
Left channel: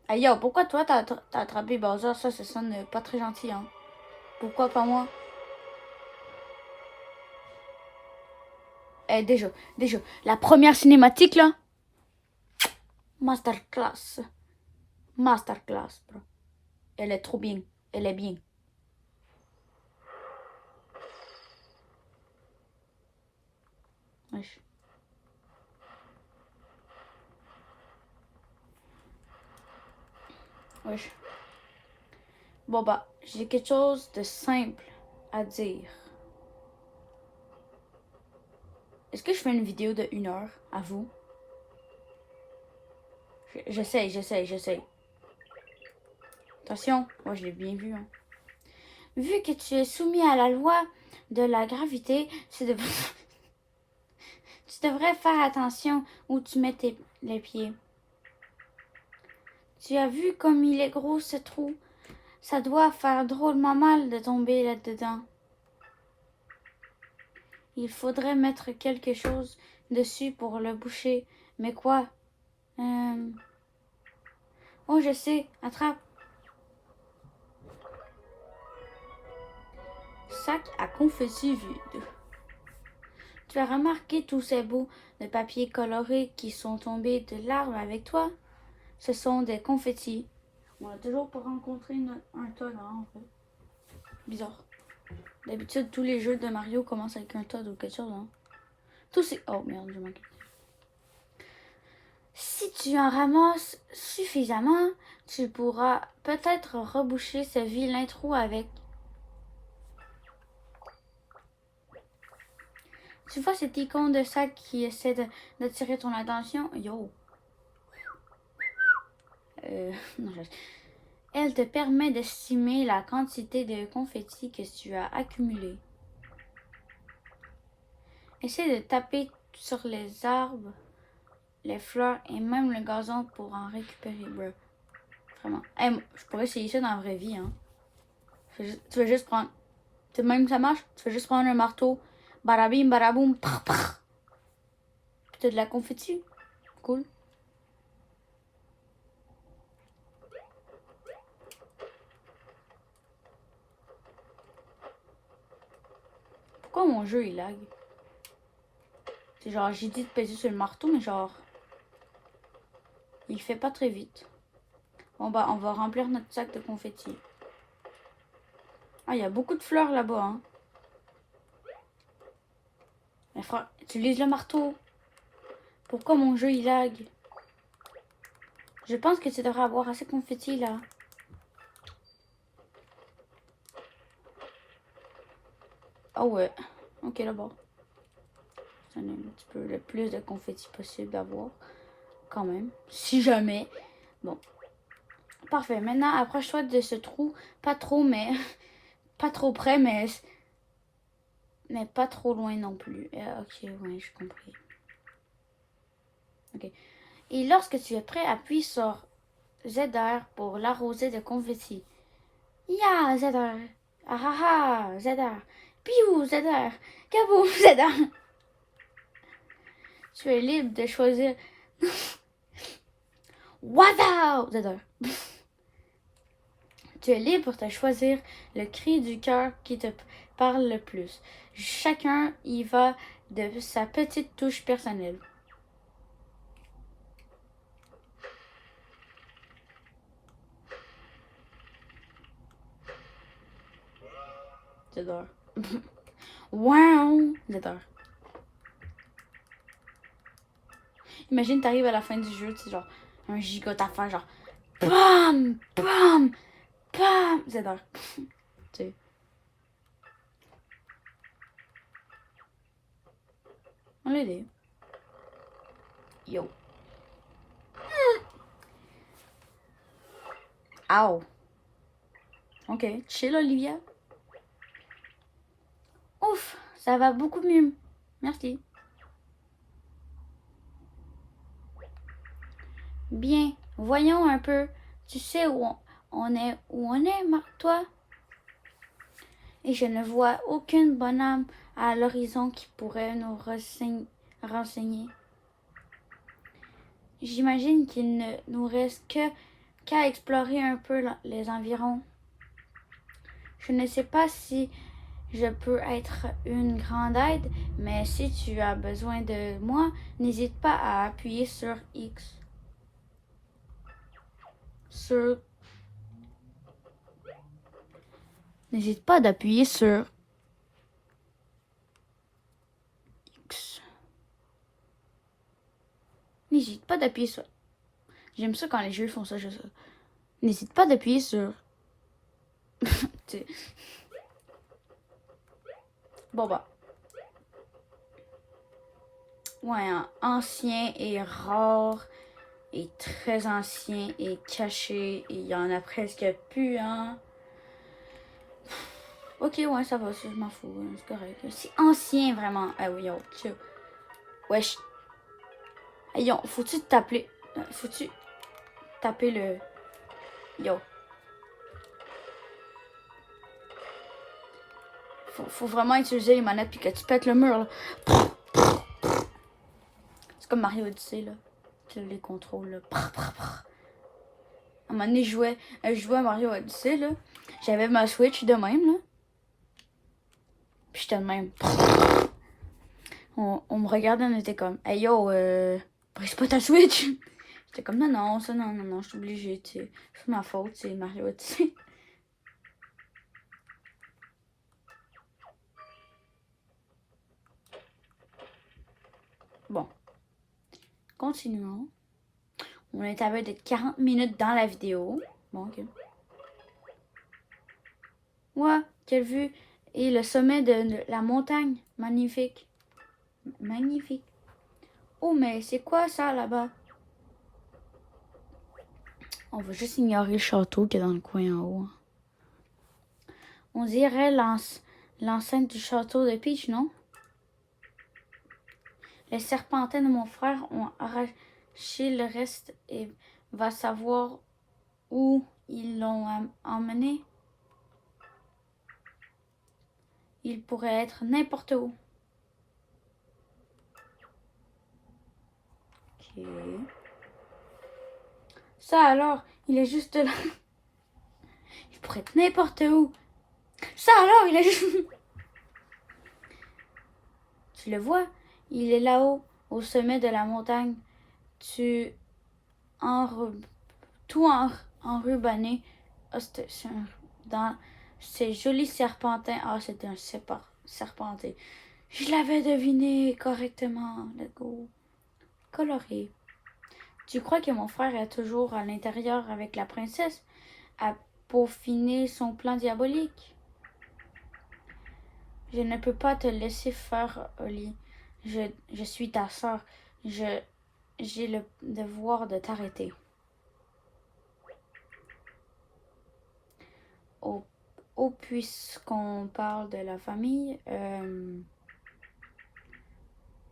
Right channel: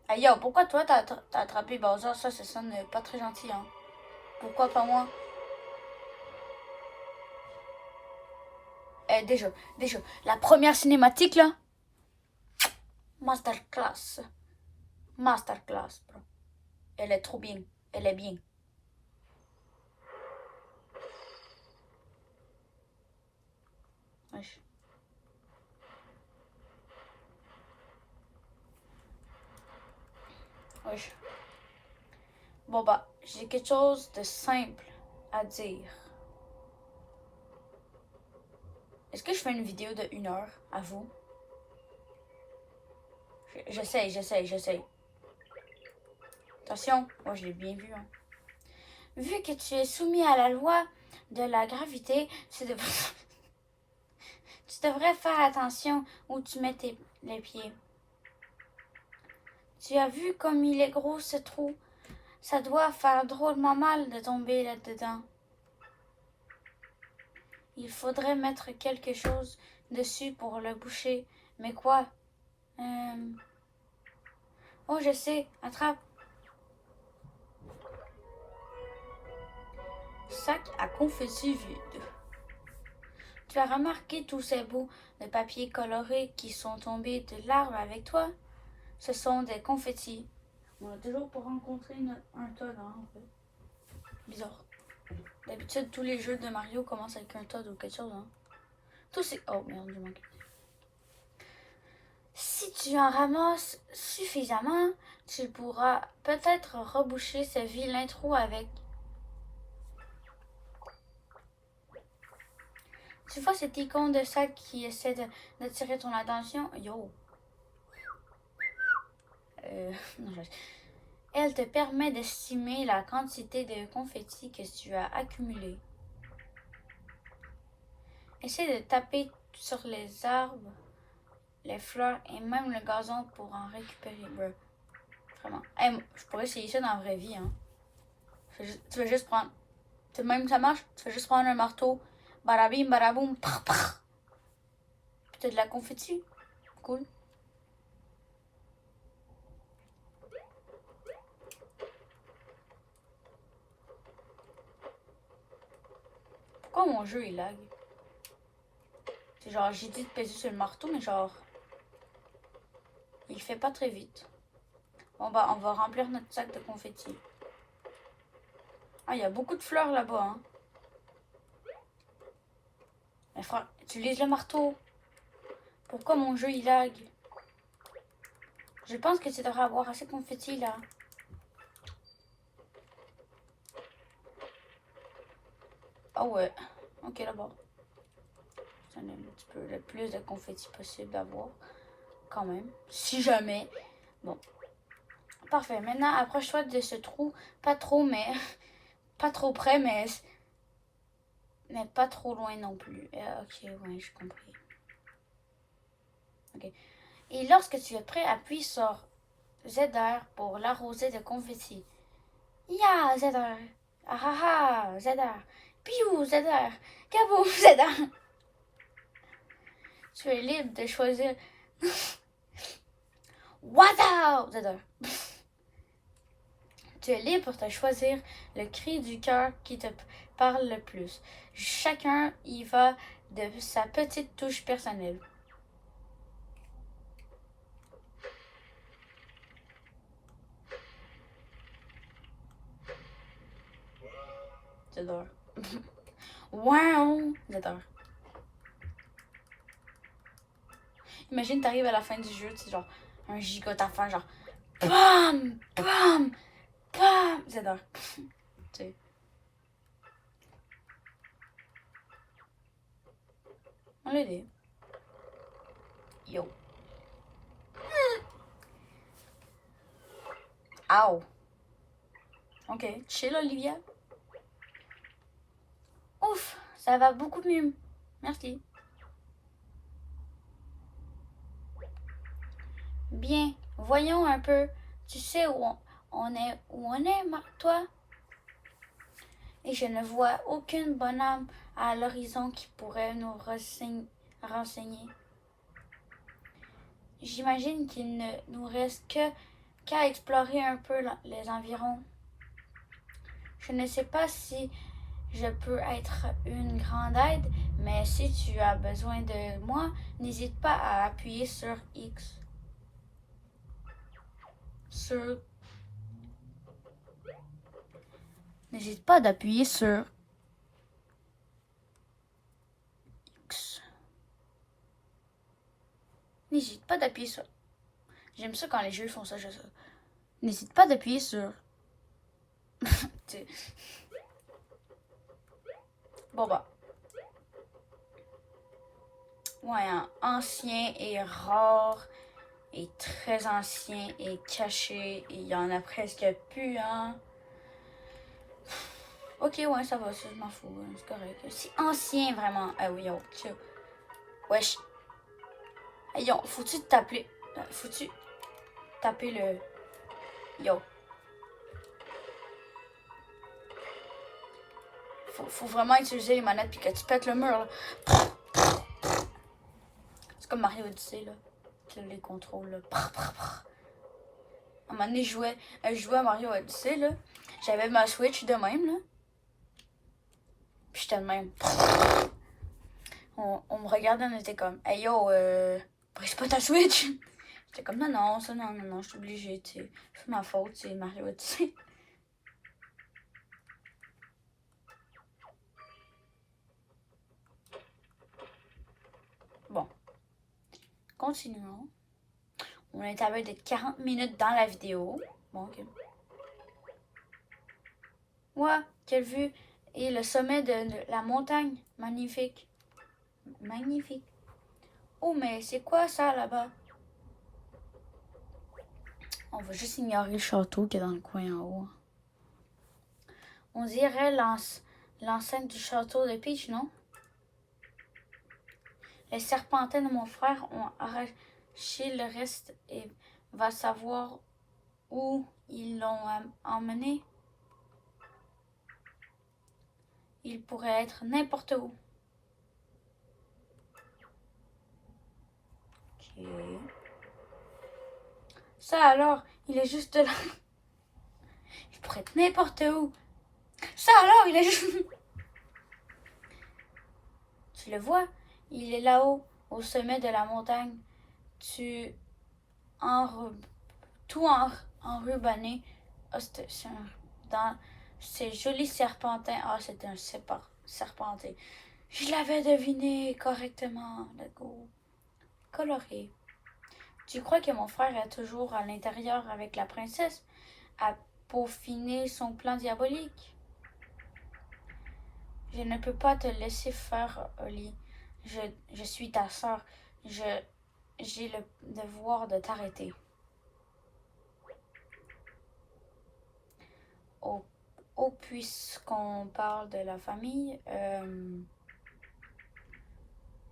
Hey yo, pourquoi toi t'as attrapé Bowser? Ça sonne pas très gentil, hein. Pourquoi pas moi? Eh, déjà, la première cinématique là. Masterclass. Masterclass, bro. Elle est trop bien. Elle est bien. Wesh. Wesh. Bon bah, j'ai quelque chose de simple à dire. Est-ce que je fais une vidéo de 1 heure à vous? J'essaye. Attention, moi je l'ai bien vu. Hein. Vu que tu es soumis à la loi de la gravité, tu devrais faire attention où tu mets les pieds. Tu as vu comme il est gros ce trou? Ça doit faire drôlement mal de tomber là-dedans. Il faudrait mettre quelque chose dessus pour le boucher. Mais quoi? Oh, je sais. Attrape. Sac à confetti vide. Tu as remarqué tous ces bouts de papier coloré qui sont tombés de l'arbre avec toi? Ce sont des confettis. On a toujours pas rencontré un Toad, hein, en fait. Bizarre. D'habitude, tous les jeux de Mario commencent avec un Toad ou quelque chose, hein. Tous ces... Oh merde, je manque. Si tu en ramasses suffisamment, tu pourras peut-être reboucher ce vilain trou avec. Tu vois cette icône de sac qui essaie d'attirer ton attention? Yo! Non, Elle te permet d'estimer la quantité de confettis que tu as accumulé. Essaie de taper sur les arbres, les fleurs et même le gazon pour en récupérer, bro. Vraiment. Hey, je pourrais essayer ça dans la vraie vie, hein. Tu vas juste prendre... Même que ça marche, tu vas juste prendre un marteau, barabim, baraboum, prr, prr. Puis t'as de la confetti. Cool. Pourquoi mon jeu il lag? C'est genre, j'ai dit de peser sur le marteau, mais genre... Il fait pas très vite. Bon bah, on va remplir notre sac de confetti. Ah, il y a beaucoup de fleurs là-bas, hein. Mais frère, utilise le marteau. Pourquoi mon jeu il lag? Je pense que tu devrais avoir assez de confetti là. Oh ouais. Ok, d'abord. Un petit peu le plus de confetti possible d'avoir. Quand même. Si jamais. Bon. Parfait. Maintenant, approche-toi de ce trou. Pas trop, mais... pas trop près, mais pas trop loin non plus. Ok, oui, j'ai compris. Ok. Et lorsque tu es prêt, appuie sur ZR pour l'arroser de confetti. Ya, ZR. Ah ah ah, ZR. Piou, ZR. Kabou, ZR. Tu es libre de choisir. Wow, ZR. Tu es libre de choisir le cri du cœur qui te parle le plus. Chacun y va de sa petite touche personnelle. J'adore. Wow! J'adore. Imagine, t'arrives à la fin du jeu, c'est genre un giga d'affaires, genre BAM! BAM! BAM! J'adore. Tu sais. On l'a dit. Yo. Ow. Ok. Chill, Olivia. Ouf, ça va beaucoup mieux. Merci. Bien, voyons un peu. Tu sais où on est, toi? Et je ne vois aucune bonne âme à l'horizon qui pourrait nous renseigner. J'imagine qu'il ne nous reste qu'à explorer un peu les environs. Je ne sais pas si je peux être une grande aide, mais si tu as besoin de moi, n'hésite pas à appuyer sur X. N'hésite pas d'appuyer sur X. N'hésite pas d'appuyer sur... J'aime ça quand les jeux font ça, je sais. N'hésite pas d'appuyer sur... Bon bah. Ouais, hein. Ancien et rare et très ancien et caché et il y en a presque plus, hein. Ok, ouais, ça va, je m'en fous, hein, c'est correct. C'est ancien, vraiment. Ah oui, yo, chill. Wesh. Hey, yo, faut-tu t'appeler... Faut-tu taper le... Yo. Faut vraiment utiliser les manettes puis que tu pètes le mur, là. C'est comme Mario Odyssey, là. Tu les contrôles, là. À un moment donné, je jouais à Mario Odyssey, là. J'avais ma Switch de même, là. Puis j'étais de même. On me regardait, on était comme, hey yo, brise pas ta Switch. J'étais comme, non, ça, non, je suis obligée, tu sais. C'est ma faute, c'est Mario Odyssey. Bon. Continuons. On est à de 40 minutes dans la vidéo. Bon, ok. Ouais, quelle vue. Et le sommet de la montagne. Magnifique. Magnifique. Oh, mais c'est quoi ça là-bas? On va juste ignorer le château qui est dans le coin en haut. On dirait l'enceinte du château de Peach, non? Les serpentins de mon frère ont arraché le reste et va savoir où ils l'ont emmené. Il pourrait être n'importe où. Ok. Ça alors, il est juste là. Il pourrait être n'importe où. Ça alors, il est juste... Tu le vois? Il est là-haut, au sommet de la montagne. Tout enrubanné. Oh, dans ces jolis serpentins. Ah, c'était un serpentin. Je l'avais deviné correctement. Le go. Coloré. Tu crois que mon frère est toujours à l'intérieur avec la princesse à peaufiner son plan diabolique? Je ne peux pas te laisser faire, Oli. Je suis ta soeur. J'ai le devoir de t'arrêter. Oh, puisqu'on parle de la famille,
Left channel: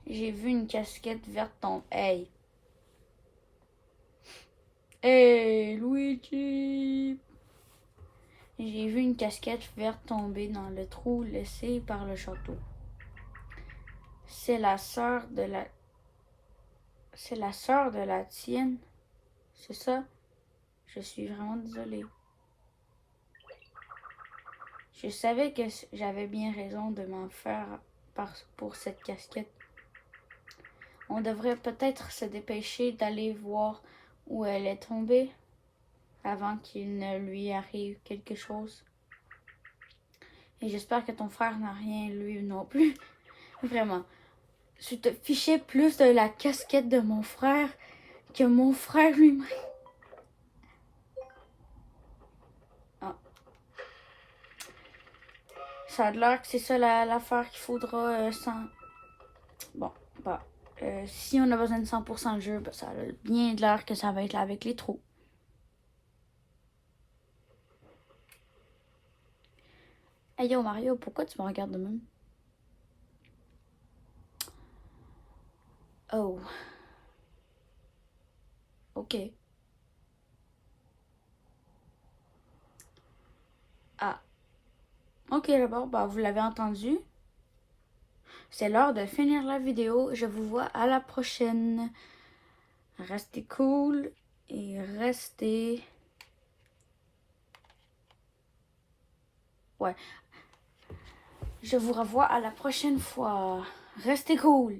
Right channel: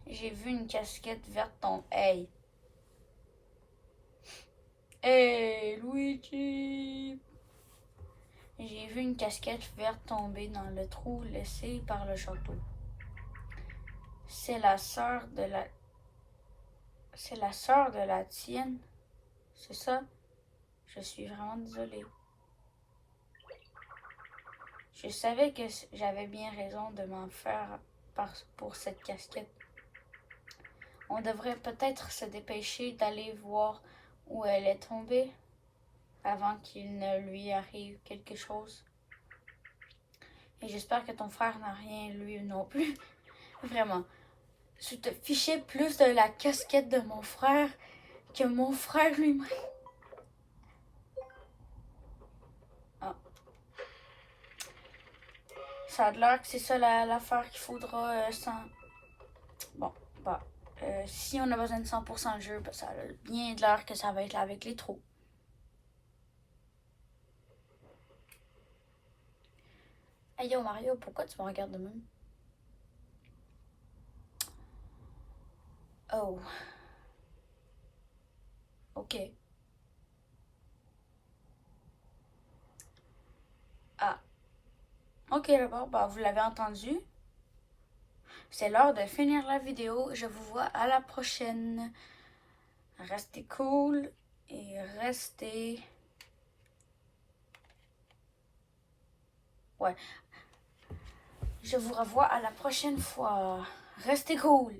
j'ai vu une casquette verte ton. Hey! Hey, Luigi! J'ai vu une casquette verte tomber dans le trou laissé par le château. C'est la sœur de la. C'est la sœur de la tienne. C'est ça? Je suis vraiment désolée. Je savais que j'avais bien raison de m'en faire pour cette casquette. On devrait peut-être se dépêcher d'aller voir où elle est tombée avant qu'il ne lui arrive quelque chose. Et j'espère que ton frère n'a rien lui non plus. Vraiment. Je te fichais plus de la casquette de mon frère que mon frère lui-même. Ah. Ça a l'air que c'est ça l'affaire qu'il faudra sans. Bon, bah. Si on a besoin de 100% de jeu, bah, ça a bien de l'air que ça va être là avec les trous. Hey yo Mario, pourquoi tu me regardes de même? Oh. Ok. Ah. Ok d'abord, bah vous l'avez entendu. C'est l'heure de finir la vidéo. Je vous vois à la prochaine. Restez cool et restez. Ouais. Je vous revois à la prochaine fois. Restez cool.